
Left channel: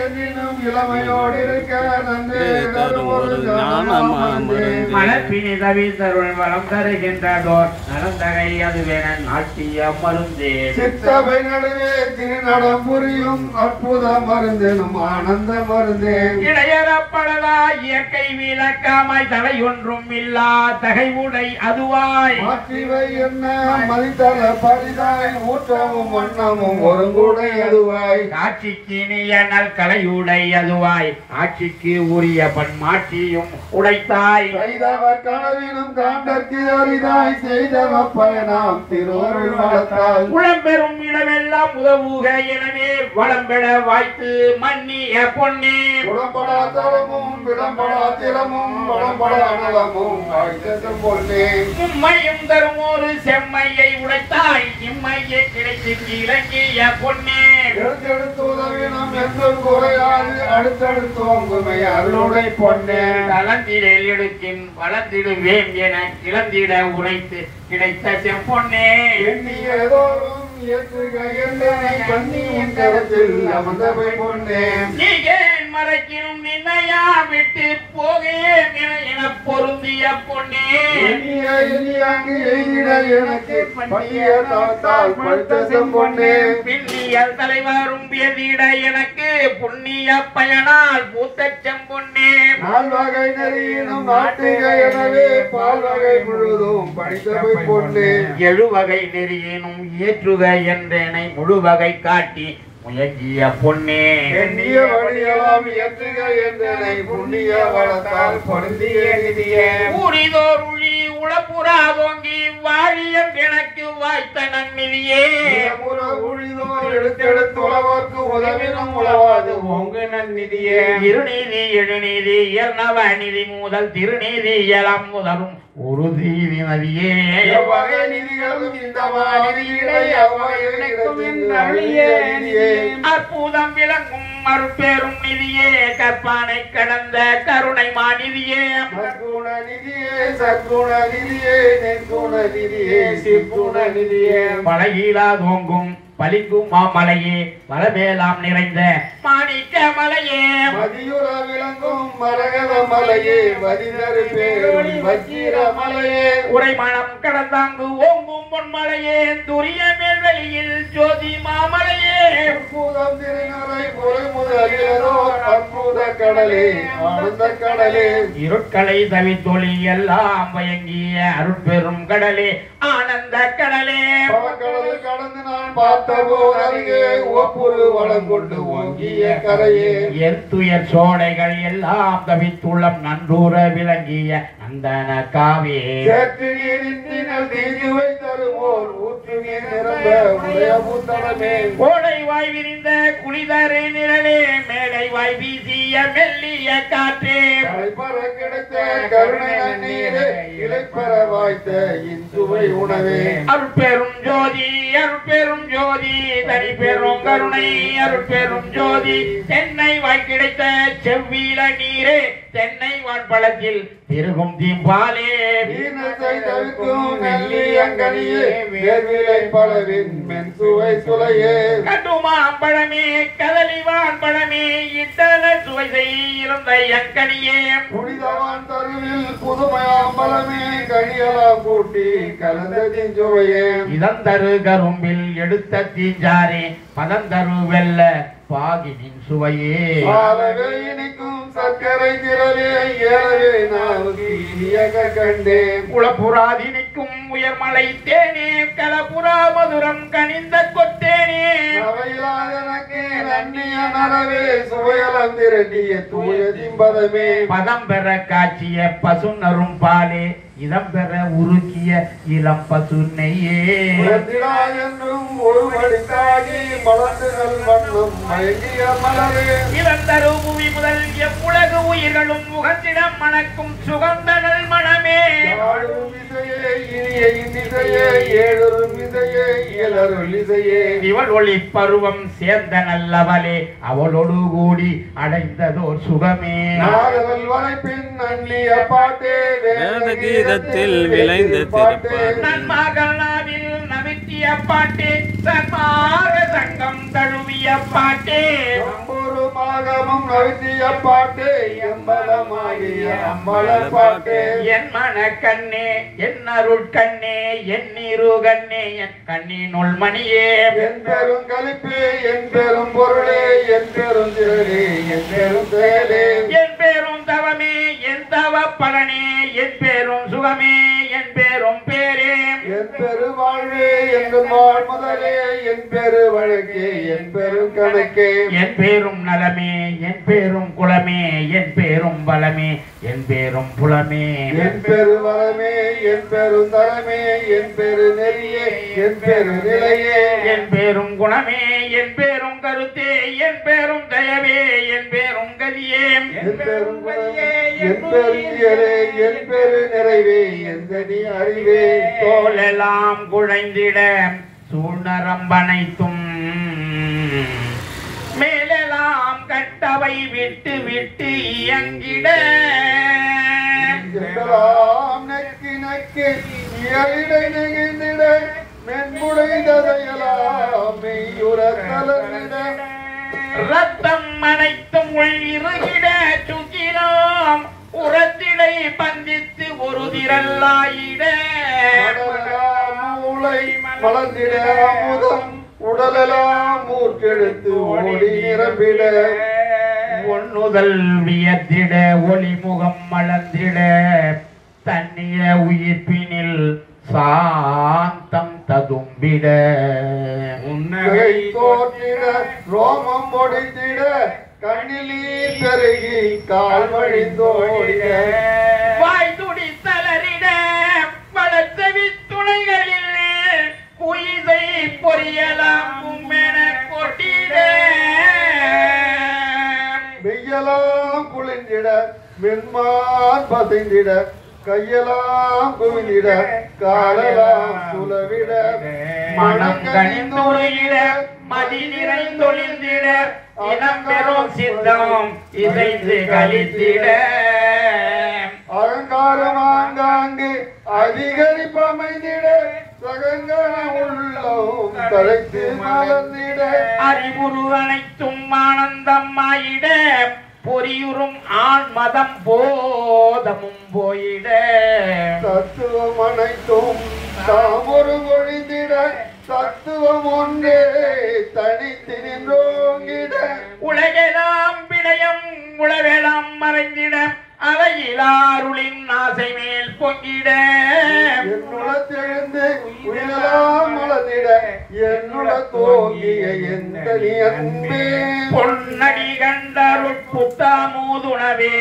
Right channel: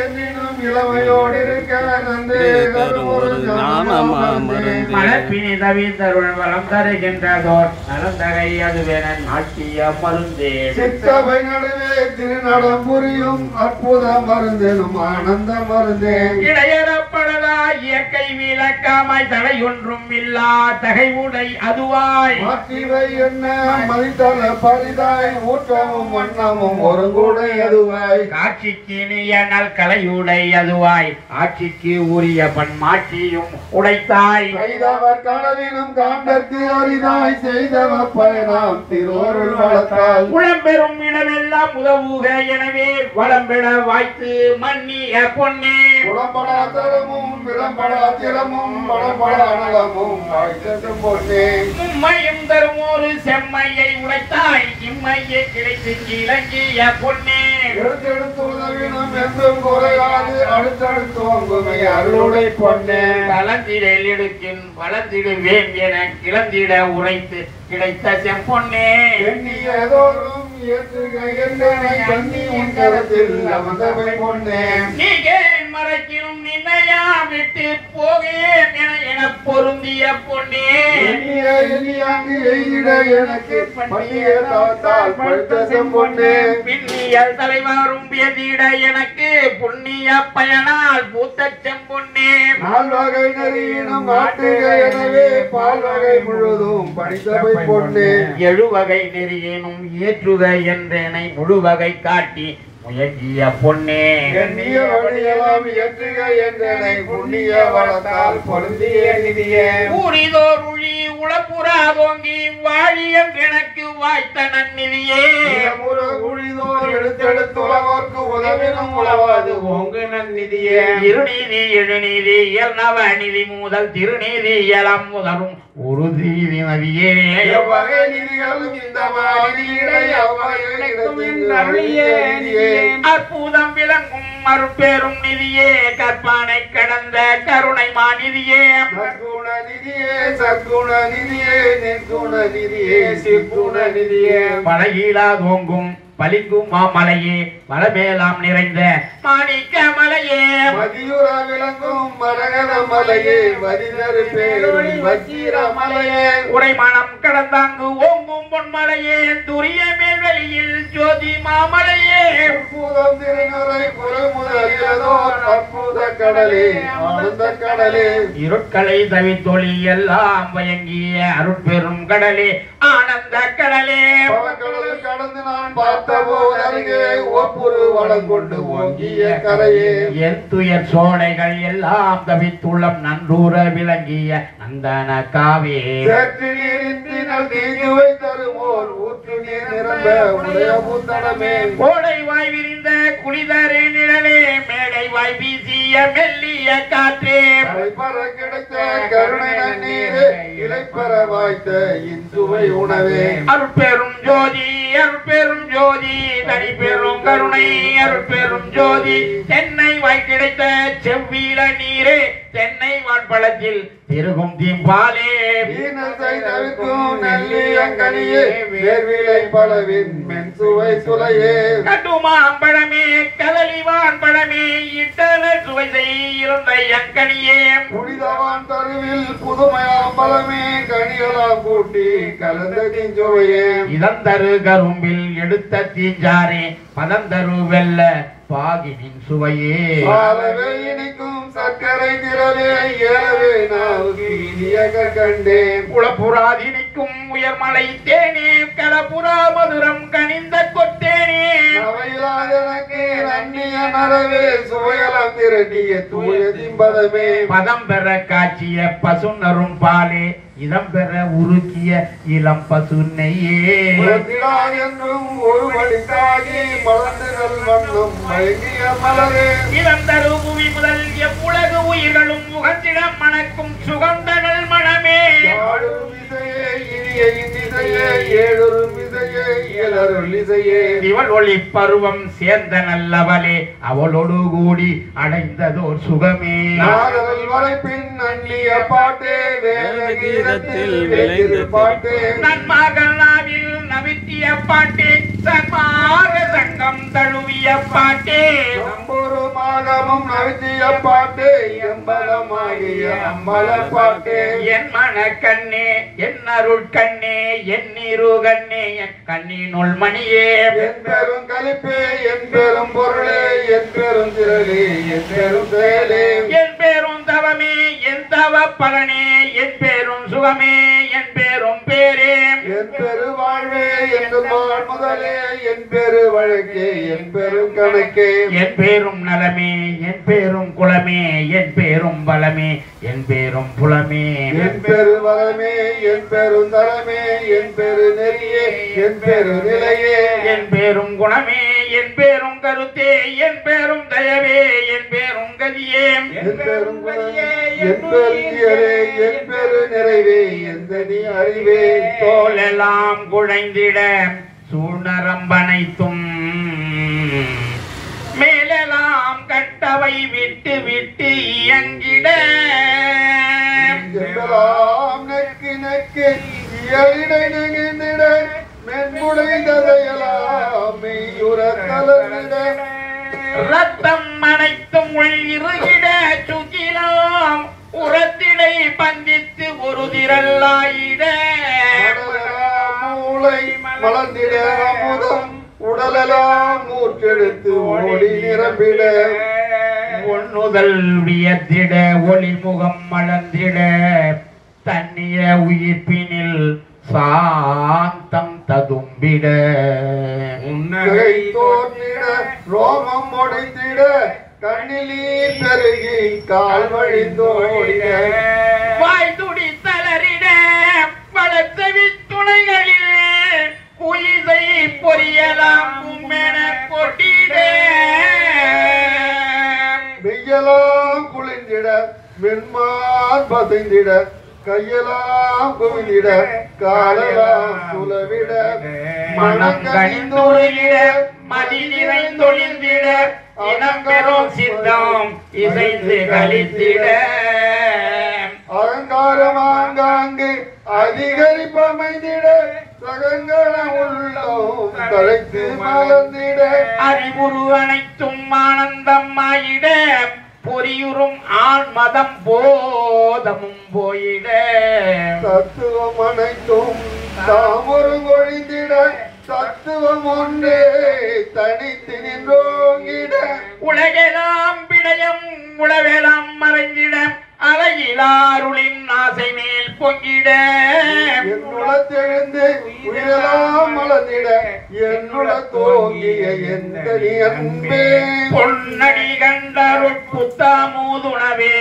என்னும் இளமையோடு இருக்க நன்றி தரும் ஒரு ஞானமா மருந்தே மலப்பினி தவித்தருள் வளம் தருகின்றதோர் நலந்தகை அதுவென நாட்டிய மருந்தே சித்தபை நடுவே திருநடம் புரியும் அற்புத மருந்தெனும் ஆனந்த மருந்தே இடையறப்படலா இயற்கை விளக்காமாய் தடையொன்றும் இல்லா தகைவுடை அதுவாய் மாற்றிவை என்ன மதித்தல பரிதாய் ஊற்றமும் வண்ணமும் ஒருங்குடை அதுவாய் காட்சிக்கு நியனல் கலையுடை அதுவாய் ஆட்சிக்கு உரிய பன்மாட்சியும் உடைத்தாய் கைதவர் கனவினும் காண்டற்கு அரிதாய் செய்தவ பயனாம் திருவருள் வளத்தால் உளம்பெறும் இடமெல்லாம் உதவுக எனவே வளம்பெற வாய்த்து மன்னிய பொன்னே உடம்படா தரமும் விடம்படா திறமும் வடம்படா நலமும் வாய்த்தது பொன்னே உம்மையும் தரும் ஒரு செம்மையை உடைத்தாய் இம்மையை கிடைத்து இலங்கிய பொன்னே எடுத்தெடுத்து உதவினம் என்றும் குறையாது அடுத்தடுத்து வங்குமை அருளுடை பொன்னே கலந்திடல் எடுக்கின் வளர்ந்திடுவேன் என கிளந்திட உரைத்து கிடைத்த செம்பொன்னே எண்ணியதோறும் ஏற்றுக என்னை கண்ணி உன் கருத்தில் அமர்ந்தவை பொன்னே நீகேன் மறைக்கினும் நின்னையா விட்டு போகேன் என பொருந்திய பொன்னே எண்ணியாங்கு எய்திட எனக்கு பணிய தாத்தால் படுத்த செம்பொன்னே பின்னியல் தலைவரும் எதிட எனக்கு புண்ணிய பயனால் பூத்த செம்பொன்னே நால்வகை நெறியினும் நாட்டுக எனவே பால்வகை முழுதும் படித்தவை பொன்னே எழுவகை நெறியினும் ஏற்றுக என்றனை முழுவகை காட்டி முயங்கிய பொன்னே எண்ணிய வழியெல்லாம் ஏற்றுக என்றனை புண்ணிய வளத்தால் பொருந்திய நிதியே ஊரிதோர் உழி உளப்புறாதோங்கி வாழியம் எனக்கு வாய்த்த நன்னிதியே ஊழிதோர் எடுத்தெடுத்து உழவோர்க்கு உதவினும் உழவாது ஓங்கு நன்னிதியே இருநீதி எழுநீதி இயல்நவ நிதி முதல் திருநீதி இயலம் முதலும் ஒரு தீதி நதியே எவ்வகை நிதிகளும் இந்த மாதிரியை அவ்வகை அற்புதம் விளங்கும் மறுபெரும் நிதியே கற்பானை கடந்த கருணை மாநிதியே சற்குண நிதியே சற்குண நிதியே நிற்குண நிதியே சிற்குண நிதியே பழகிலா தோங்கும் பளிங்கும் மாமலையே வளமேலாம் நிறைந்த மாணிக்க மலையே மதியுற விளங்கும் மரகத மலையே வரிதரு பேரொளி வச்சிர மலையே உரைமணம் கடந்தாங்கு ஓங்கும் பொன்மலையே துரிய மேல்வெளியில் ஜோதி மாமலையே அற்புதம் திருநரை பொறை முதலியதோ அற்புத கடலே ஆனந்த கடலே இருட்களை தவித்தொழி எல்லாம் வயங்கிய அருட்பெரும் கடலே ஆனந்த கடலே பவக்கடலில் கடந்து நான் பார்த்தபோது அருகே ஒப்புரு வளம் கொண்டு ஓங்கிய கரையே என் துயர் சோடைகள் எல்லாம் தவித்துள்ளம் நன்றூர விளங்கிய நந்தன காவே சேற்று நீரின் தீங்குவை தருவோர் ஊற்று நீர் நிரம்ப உடைய பூத்தடமே கோடை வாய் விரிந்த குளிதரு நிழலே மேடை வாய் வீசிய மெல்லிய காற்றே அழைப்பற கிடைத்த கருணை நன்னீரே இலைப்பற வாய்த்த இந்துவை உணவே அருட்பெரும் ஜோதி அருட்பெரும் ஜோதி தனி பெரும் கருணை அருட்பெரும் ஜோதி தென்னை வாய் கிடைத்த செவ்வீல நீரே தென்னை வான்பழத்தில் திருகும் தீம்பாலே வீணத்தை தவிர்க்கும் நல்லியங்கனியே வேர்விலை பலவின் மென் சுவை சுலையே கட்டுமா அம்பழமே கதலிவான் பழமே இட்டன சுவை செய்யிருந்த எங்கனியே புனிதவான் தருவில் புதுமையாம்பலமே கனியலாம் கூட்டி கலந்த கிஞ்சுவையே இதந்தரு கரும்பில் எடுத்த தீஞ்சாரே பதந்தரு வெல்ல பாகினின் சுவையே ஆலவே இனிக்கும் சர்க்கரை திரளே ஏலவே நாவுக்கு இனியக கண்டேன் குளப்புறாதினிக்கும் உயர்மலை தேனே கலப்புறா மதுரம் கனிந்த கொத்தேனே அவையிலாதனக்கு நன்னிய நரவே சுவையலம் திரட்டிய தூய திம்பதமே பதம் பெற காட்சிய பசுநரும் பாலே இதம் பெற உருக்கிய இளம் பசு நெய்யே என்றும் ஒரு மடித்தாகி மலர்ந்து நல் வண்ணம் மயங்கிய மலரே இளந்தரு புவி முதல் எவ்வுலகு உயிர்களும் முகத்திடம் மணக்கும் சுகந்தகள் மனமே ஆளும் இசையே இனிய இசையே ஏழொரு இசையே இயலருள் இசையே இவள் ஒளி பருவம் சேர்ந்த நல்லவளே அவளோடு கூடி அடைந்ததோர் சுகமே நாதல் வரைப்பின் நன்னிய பாட்டே வேதகீதத்தில் விளைந்த பாட்டே நன்மகள் நாவில் நவித்திய பாட்டே சன்மாக சங்கம் தழுவிய பாட்டே சம்பூர்வமாகவும் நவித்திய பாட்டே எம்பலமாகிய அம்மல பாட்டே என் மன கண்ணே என் அருள் கண்ணே என் நீரு கண்ணே என் கண்ணினுள் மணியே என் பெரும் கலிப்பே என் பெரும் பொருளே என் பெரும் திரளே என் பெரும் செயலே என் பேரும் தவமே என் தவ பலனே என் பேரும் சுகமே என் பேரும் பேரே என் பெரு வாழ்வே எங்கும் வாழ் முதலே என் பெரு வழக்கே என் பெரும் கணக்கே என் பேரும் நலமே என் பேரும் குலமே என் பேரும் பலமே என் பேரும் புலமே என் பெரு வளமே என் பெரும் தலமே என் பெரு நெறியே என் பெரு நிலையே என் பேரும் குணமே என் பேரும் கருத்தே என் பேரும் தயவே என் பேரும் கதியே என் பெரும் குணமே, என் பெரு தியலே என் பெரு நிறைவே எந்த நீ அறிவே தோலெல்லாம் குழைந்திட சூழ்நரம்பனைத்தும் மேலெல்லாம் கட்டவை விட்டு விட்டு இயங்கிட எல்லாம் நெக்கு நெக்கு இயலிடை நெகிழ்ந்திட மென்முடைந்ததையெல்லாம் மெய்யுற கலந்திட ரத்தம் அனைத்தும் உள்ளிருகிட சுகிலாம் உரத்திடை பந்தித்து ஒரு திரளாயிட மூளை மலர்ந்திட அமுதம் உடலெல்லாம் மூர்க்கெடுத்து ஓடி நிரம்பிட ஒண்ணுதல் வியத்திட ஒளிமுகம் மலர்ந்திட தன்னிய உயிர்ப்பினில் சாந்தம் ததும்பிட உன்னகை தோன்றிட ரோமம் ஒடித்திட கண்ணிலீர் பெருகி கால் வழிந்தோடிட வாய் துடி தளரிட வளர்த்தவி துணைகளில் குயிதை பொரியலாம் கும்மென கொட்டிட வெய்யலாம் குளிர்ந்திட மென்மான் பசைந்திட கையெல்லாம் குவிந்திட காலெல்லாம் சுலவிட மனம் கனிந்துரையிட மதி நிறைந்தொழிந்திட இனம் பெறும் சித்தம் இசைந்து கழித்திட அலங்காரம் ஆங்காங்கு அதிகரிப்பமைந்திட சகங்கர உள்ளம் தழைத்து மலர்ந்திட அறிவுரு அனைத்தும் ஆனந்தமாயிட பொறியுறும் ஆண் மதம் போதமும் போயிட தத்துவம் அனைத்தும் தாமொரு ஒழிந்திட தத்துவம் ஒன்றே தனித்து நின்றோங்கிட உலகெல்லாம் விடயம் உலகெல்லாம் மறைந்திட அலையிலாருளின் ஆசை மேல் பொங்கிட என்னுளத்தெழுந்து உயிரெல்லாம் மலர்ந்திட என்னுள தோங்கிய எந்த அன்பே பொன்னடி கண்டருள் புத்தாமூதுணவே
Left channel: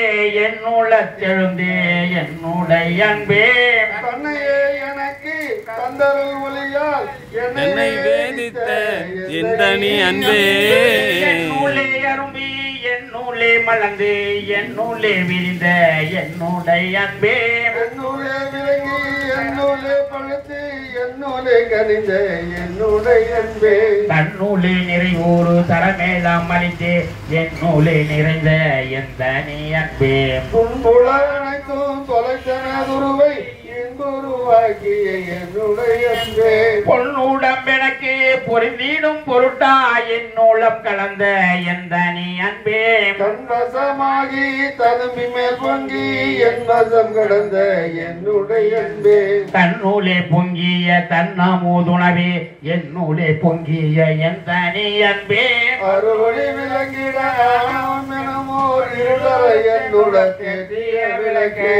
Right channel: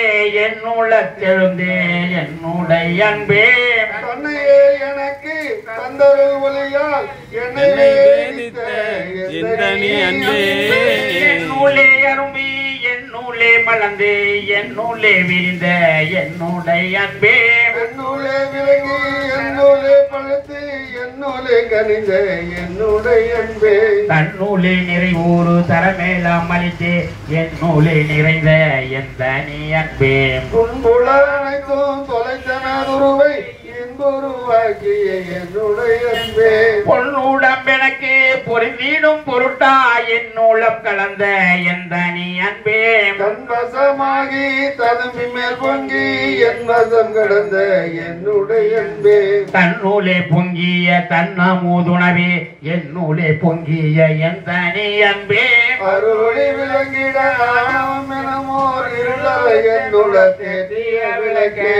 என்னுளத்தெழுந்தே என்னுடைய அன்பே தன்னையே எனக்கு தந்தரு ஒளியால் என்னை வேதித்த எந்த நீ அன்பே என்னுள்ளே அரும்பி என்னுள்ளே மலர்ந்து என்னுள்ளே விரிந்த என்னுடைய அன்பே என்னுள்ளே விலகி என்னுள்ளே பழுத்து என்னுள்ளே கனிந்த என்னுடைய அன்பே தன்னுள்ளே நிறைவோரு தரமேலாம் அளித்து என்னுள்ளே நிறைந்த எந்த நீ அன்பே துன்புல அனைத்தும் தொலைத்தனதுருவை என்புருவாக்கிய என்னுடைய அன்பே பொன்னுடம்பெனக்கு பொருந்திடும் பொருட்டா என்னுள்ளம் கலந்த எந்த நீ அன்பே தன்வசமாகி ததும்பி மேல் பொங்கி என் வசம் கடந்த என்னுடைய அன்பே தன்னூலே பொங்கிய தன்னமுதுணவே என்னுள்ளே பொங்கிய எந்த நீ அன்பே அருளி விளங்கிட ஆணவம் எனமோர் இருளை என்னுட தேதிய விளக்கே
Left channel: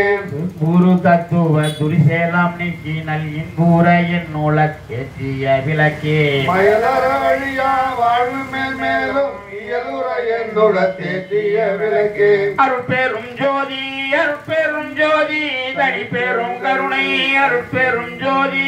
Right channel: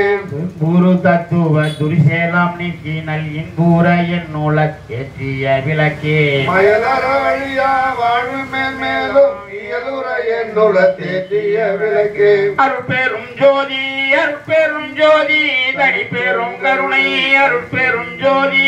குரு தத்துவ துரிசேலம் நீக்கி நல் இன்பூர என்னுள்ள ஏற்றிய விளக்கே மயலற வழியா வாழ்வு மேலும் இயலுற என்னுட தேதிய விளக்கே அருட்பெரும் ஜோதி அருட்பெரும் ஜோதி தனி பெரும் கருணை அருட்பெரும் ஜோதி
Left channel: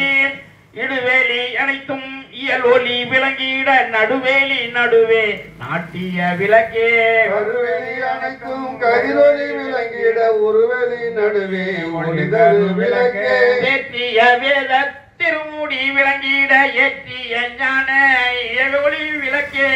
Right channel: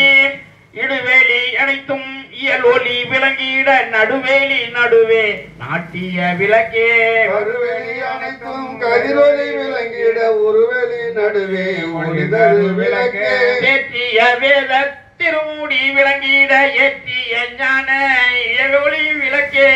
இடுவேலி அனைத்தும் இயலொலி விளங்கிட நடுவேலி நடுவே நாட்டிய விளக்கே கருவெளி அனைத்தும் கதிரொலி விளங்கிட ஒருவெளி நடுவே ஒளிதரு விளக்கே ஏற்றிய வேத திருமுடி விளங்கிட ஏற்றிய ஞான இயலொலி விளக்கே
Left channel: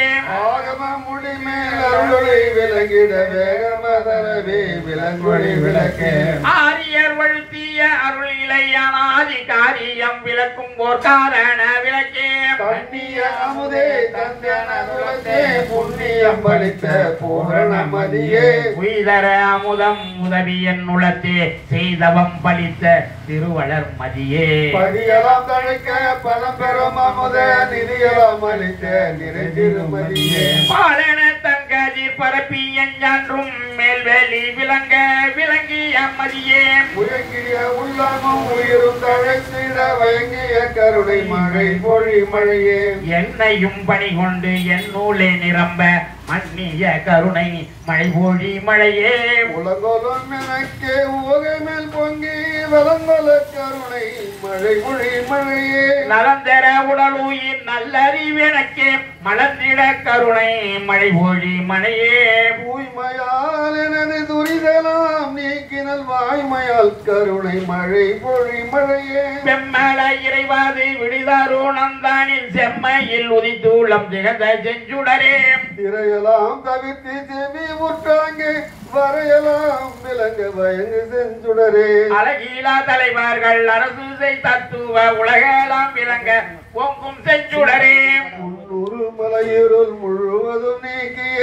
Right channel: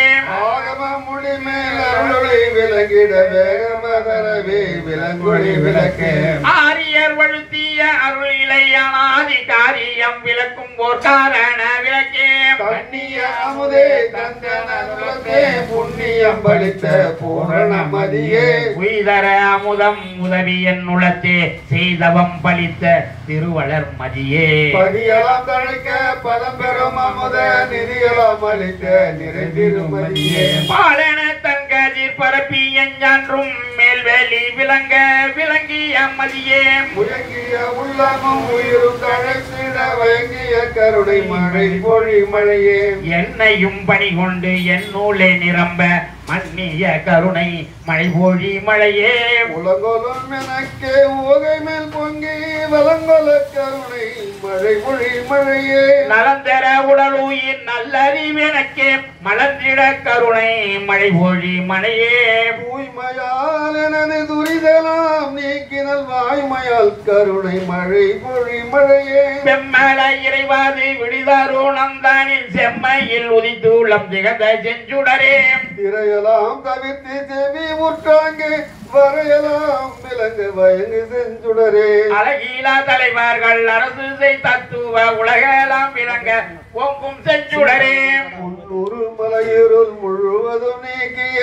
ஆகம முடிமேல் அருளொளி விளங்கிட வேகமதரவே விளங்கொளி விளக்கே ஆரியர் வழுத்திய அருள் இளையானாதி காரியம் விளக்கும் ஓர் காரண விளக்கே கண்ணிய அமுதே தந்தன விளக்கே புண்ணியம் பலித்த பூரண மதியே உய்தர அமுதம் உதவி என் உளத்தே செய்தவம் பலித்த திருவளர் மதியே பதியலாம் கழிக்க பலம் பெறும் அமுத நிதியலாம் அளித்த நிறைதிருமதியே பாலன தன்கதிர் பரப்பி எஞ்சான்றும் மேல்வெளி விளங்க விளங்கிய மதியே முயங்கிய உள்ளமும் உயிரும் தழைத்திட வயங்கிய கருணை மழை பொழி மழையே என்னையும் பணி கொண்டு என் நூலே நிரம்ப மன்னிய கருணை மழை பொழி மழையே உலகொலும் எனக்கே உவகை மேல் பொங்கி வலங்கொல கருணை மழை பொழி மழையே நலந்தர உடலுயிர் நல்லறிவெனக்கே மலர்ந்திட கருணை மழை பொழி மழையே தூய்மையால் எனது துரிதலாம் நீக்கினல் வாய்மையால் கருணை மழை பொழி மழையே பெம்மல இறைவாது விடுதாரோ நந்தானின் செம்மையில் உதித்தூளம் திகழ்ந்த செஞ்சுடரே திரையலாம் தவிர்த்து செவி முற்றாங்கு வரையலாம் விலங்க வயங்கு செஞ்சுடரே அழகீலா தலைவர்கள் அரசு செய் தத்துவ உலகெல்லாம் விளங்க பொங்கும் செஞ்சுடரே முன்னூறு மலையிருள் முழுவதும் நீக்கிய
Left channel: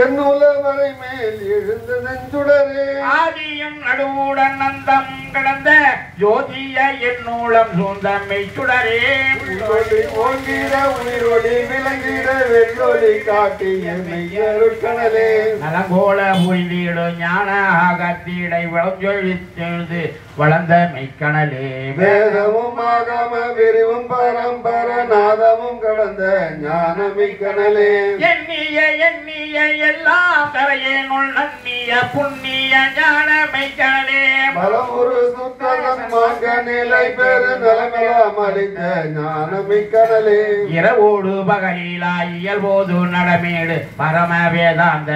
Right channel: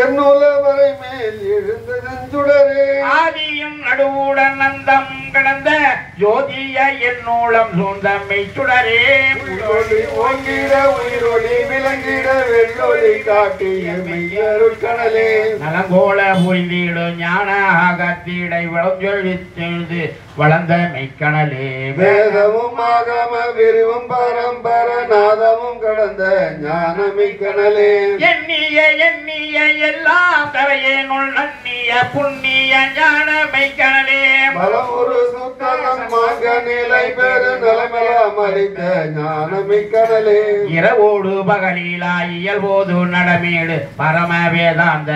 என்னுலவரை மேல் எழுந்த நெஞ்சுடரே ஆதியும் நடுவுடன் நந்தம் கடந்த ஜோதிய என்னூலம் சூழ்ந்தம்மை சுடரே உயிரொளி ஓங்கிட உயிரொளி விளங்கிட வெள்ளொளி காட்டிய மெய்யருட்கடலே நலங்கோல புரிந்திடு ஞான ஆகத்திடை வளஞ்சொழித்தெழுது வளர்ந்த மெய்க்கணலே வேதமும் ஆகம விரிவும் பரம்பர நாதமும் கடந்த ஞானமிக்கணலே எண்ணிய எண்ணிய எல்லாம் தரையேனுள் நன்னிய புண்ணிய ஞான மெய்க்கணலே பலமுரு சுத்தகம் மாங்க நிலை பெரு நலமெல்லாம் அளித்த ஞானமிக்கணலே இரவோடு பகலிலா இயல்போது நடமேடு பரம வேதாந்த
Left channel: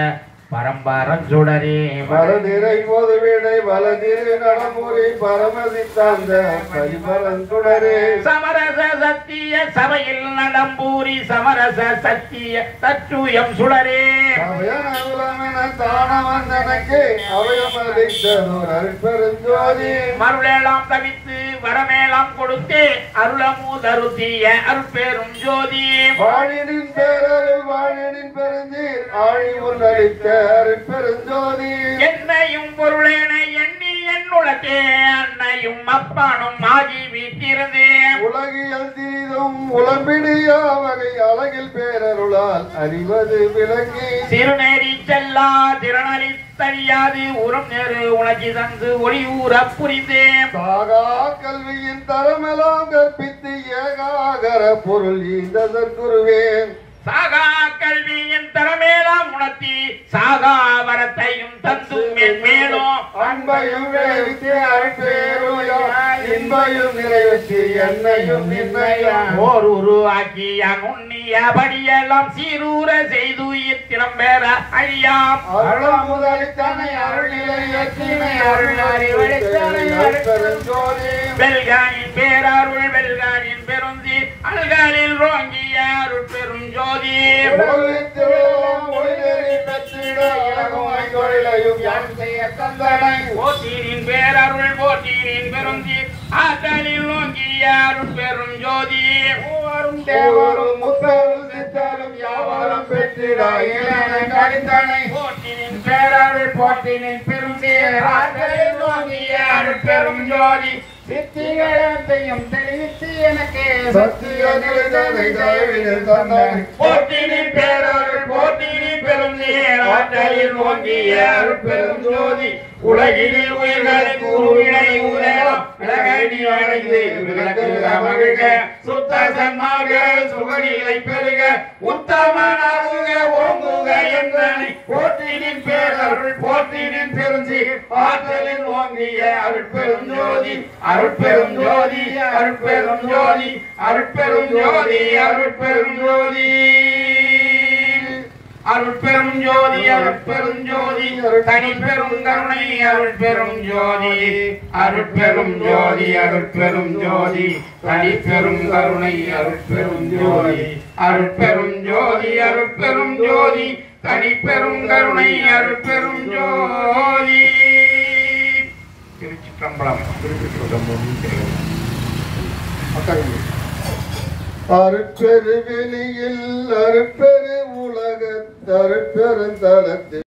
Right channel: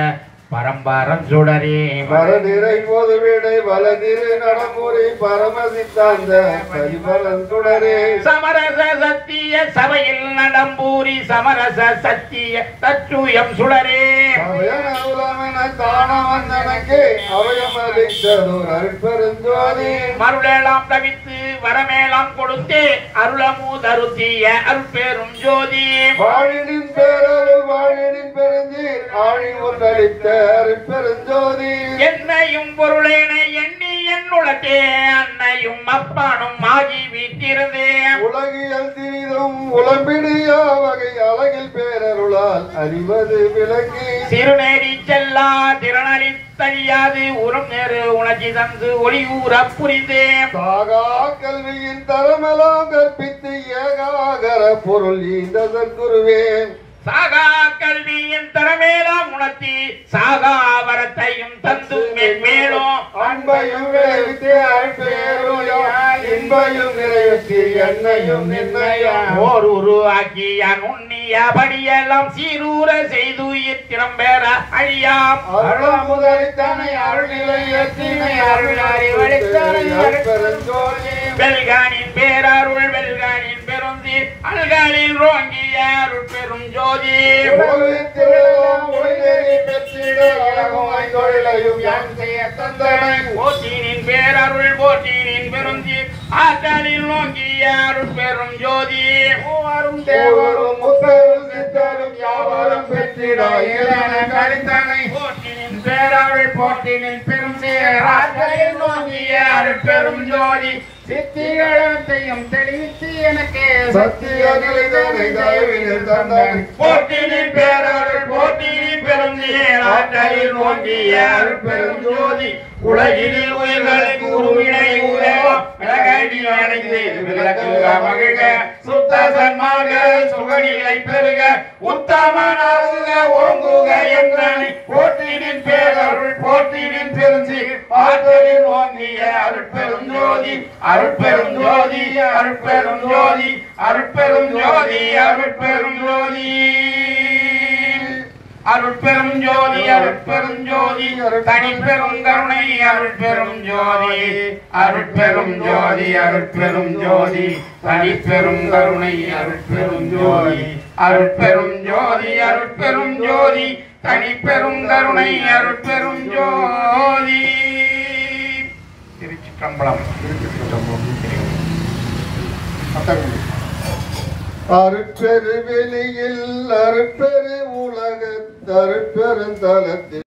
பரம்பரம் சுடரே வரநிறை பொது விடை வலதிரு நடமுறை பரமசித்தாந்த பரிபலன் சுடரே சமரச சத்திய சபையில் நடம்பூரி சமரச சத்திய தத்துயம் சுடரே அவயனவுலமென தான வந்தனக்கு அவயமளித்ததோர் அருட்பெருஞ்சோதி மருளெல்லாம் தவித்து வரமேலாம் கொடுத்து அருளமுதருத்திய அருட்பெரும் ஜோதி வாழினின் பேரருள் வாழினின் பெருந்தீர் ஆழி ஒன்றளித்த அருட்பெருஞ்சோதி என்னையும் பொருளேன எண்ணி என்னுளத்தே அன்னையும் அப்பானும் ஆகி வீட்டிருந்தேன் உலகியல் சிறிதும் உளம்பிடியா வகை அழகில் பேரருளால் அறிவது விளங்கி சிறுநேரி செல்லா திறனறி தெரியாது உரம் நேரு உணர்ச்சி தந்து ஒளி ஊற புரிந்தேன் சாகா கல்வியின் தரமெல்லாம் கற்பித்து ஏகாகர பொருள் இந்த சற்குருவேன் சாகா கல்வியின் தரமேலாம் உணர்த்தி சாகா வரத்தையும் தந்து மேலும் அன்பையும் விளைவித்து அருட்பேருளால் இன்பையும் நிறைவேற்றி என்னையும் நிர்ணயா ஓர் உருவாக்கிய நுண்ணிய படியெல்லாம் சீரூர செய்து இத்திரம் பெற அழியாம் அருள் முதலித்தனை அருள்நிலை எத்தினை அருள்நாரி வழித்தனை அருட்பெருஞ்சோதி வெல்கானின் பேரருள் வெல்கானின் பெருந்தி அல்கானில் ரோங்கிய அருட்பெரும் ஜோதி உலகத்திலெல்லாம் ஒளிநெறி பெற்றிட இலகுமாய் தொழிலையும் யான் செய்ய தந்தனை போட்டினின் பேரருள் போட்டினின் பெருந்தி ஆற்றலில் நோங்கிய அருட்பெரும் ஜோதி மூவரும் தேவரும் முத்தரும் சித்தரும் யாவரும் பெற்றிட இளன கழித்தனை போட்டினின் பேரருள் போட்டினின் பெருந்தி ஆற்றலில் நோங்கிய அருட்பெரும் ஜோதி சித்திகளத்தையும் தெளிவித்து எனக்கு சத்திய நிலைதனை தயவினில் தந்தனை போட்டினின் பேரருள் போட்டினின் பெருந்தி ஆற்றலில் நோங்கிய அருட்பெரும் ஜோதி உலகில் உயிர்களை கூறுவினை உலகம் விலகடி அடைந்து விளக்குக மகிழ்க சுத்த சன்மாக சுகநிலை பெருக உத்தமனாகுக ஓங்குக என்றனை போற்றினின் பேரருள் போற்றினின் பெருந்தி ஆற்றலில் ஓங்கிய அருட்பெரும் ஜோதி அருட்பெரும் ஜோதி அருட்பெரும் ஜோதி அருட்பெரும் ஜோதி அருட்பெரும் ஜோதி அருட்பெரும் ஜோதி அருட்பெரும் ஜோதி தனிப்பெரும் கருணை அருட்பெரும் ஜோதி அருட்பெரும் ஜோதி அருட்பெரும் ஜோதி தனிப்பெரும் கருணை அருட்பெரும் ஜோதி அருட்பெரும் ஜோதி அருட்பெரும் ஜோதி தனிப்பெரும் கருணை அருட்பெரும் ஜோதி திருச்சிற்றம்பலம் அருட்பெரு வெளியில் அருட்பெரு உலகத் அருட்பெருந்தலத்தில்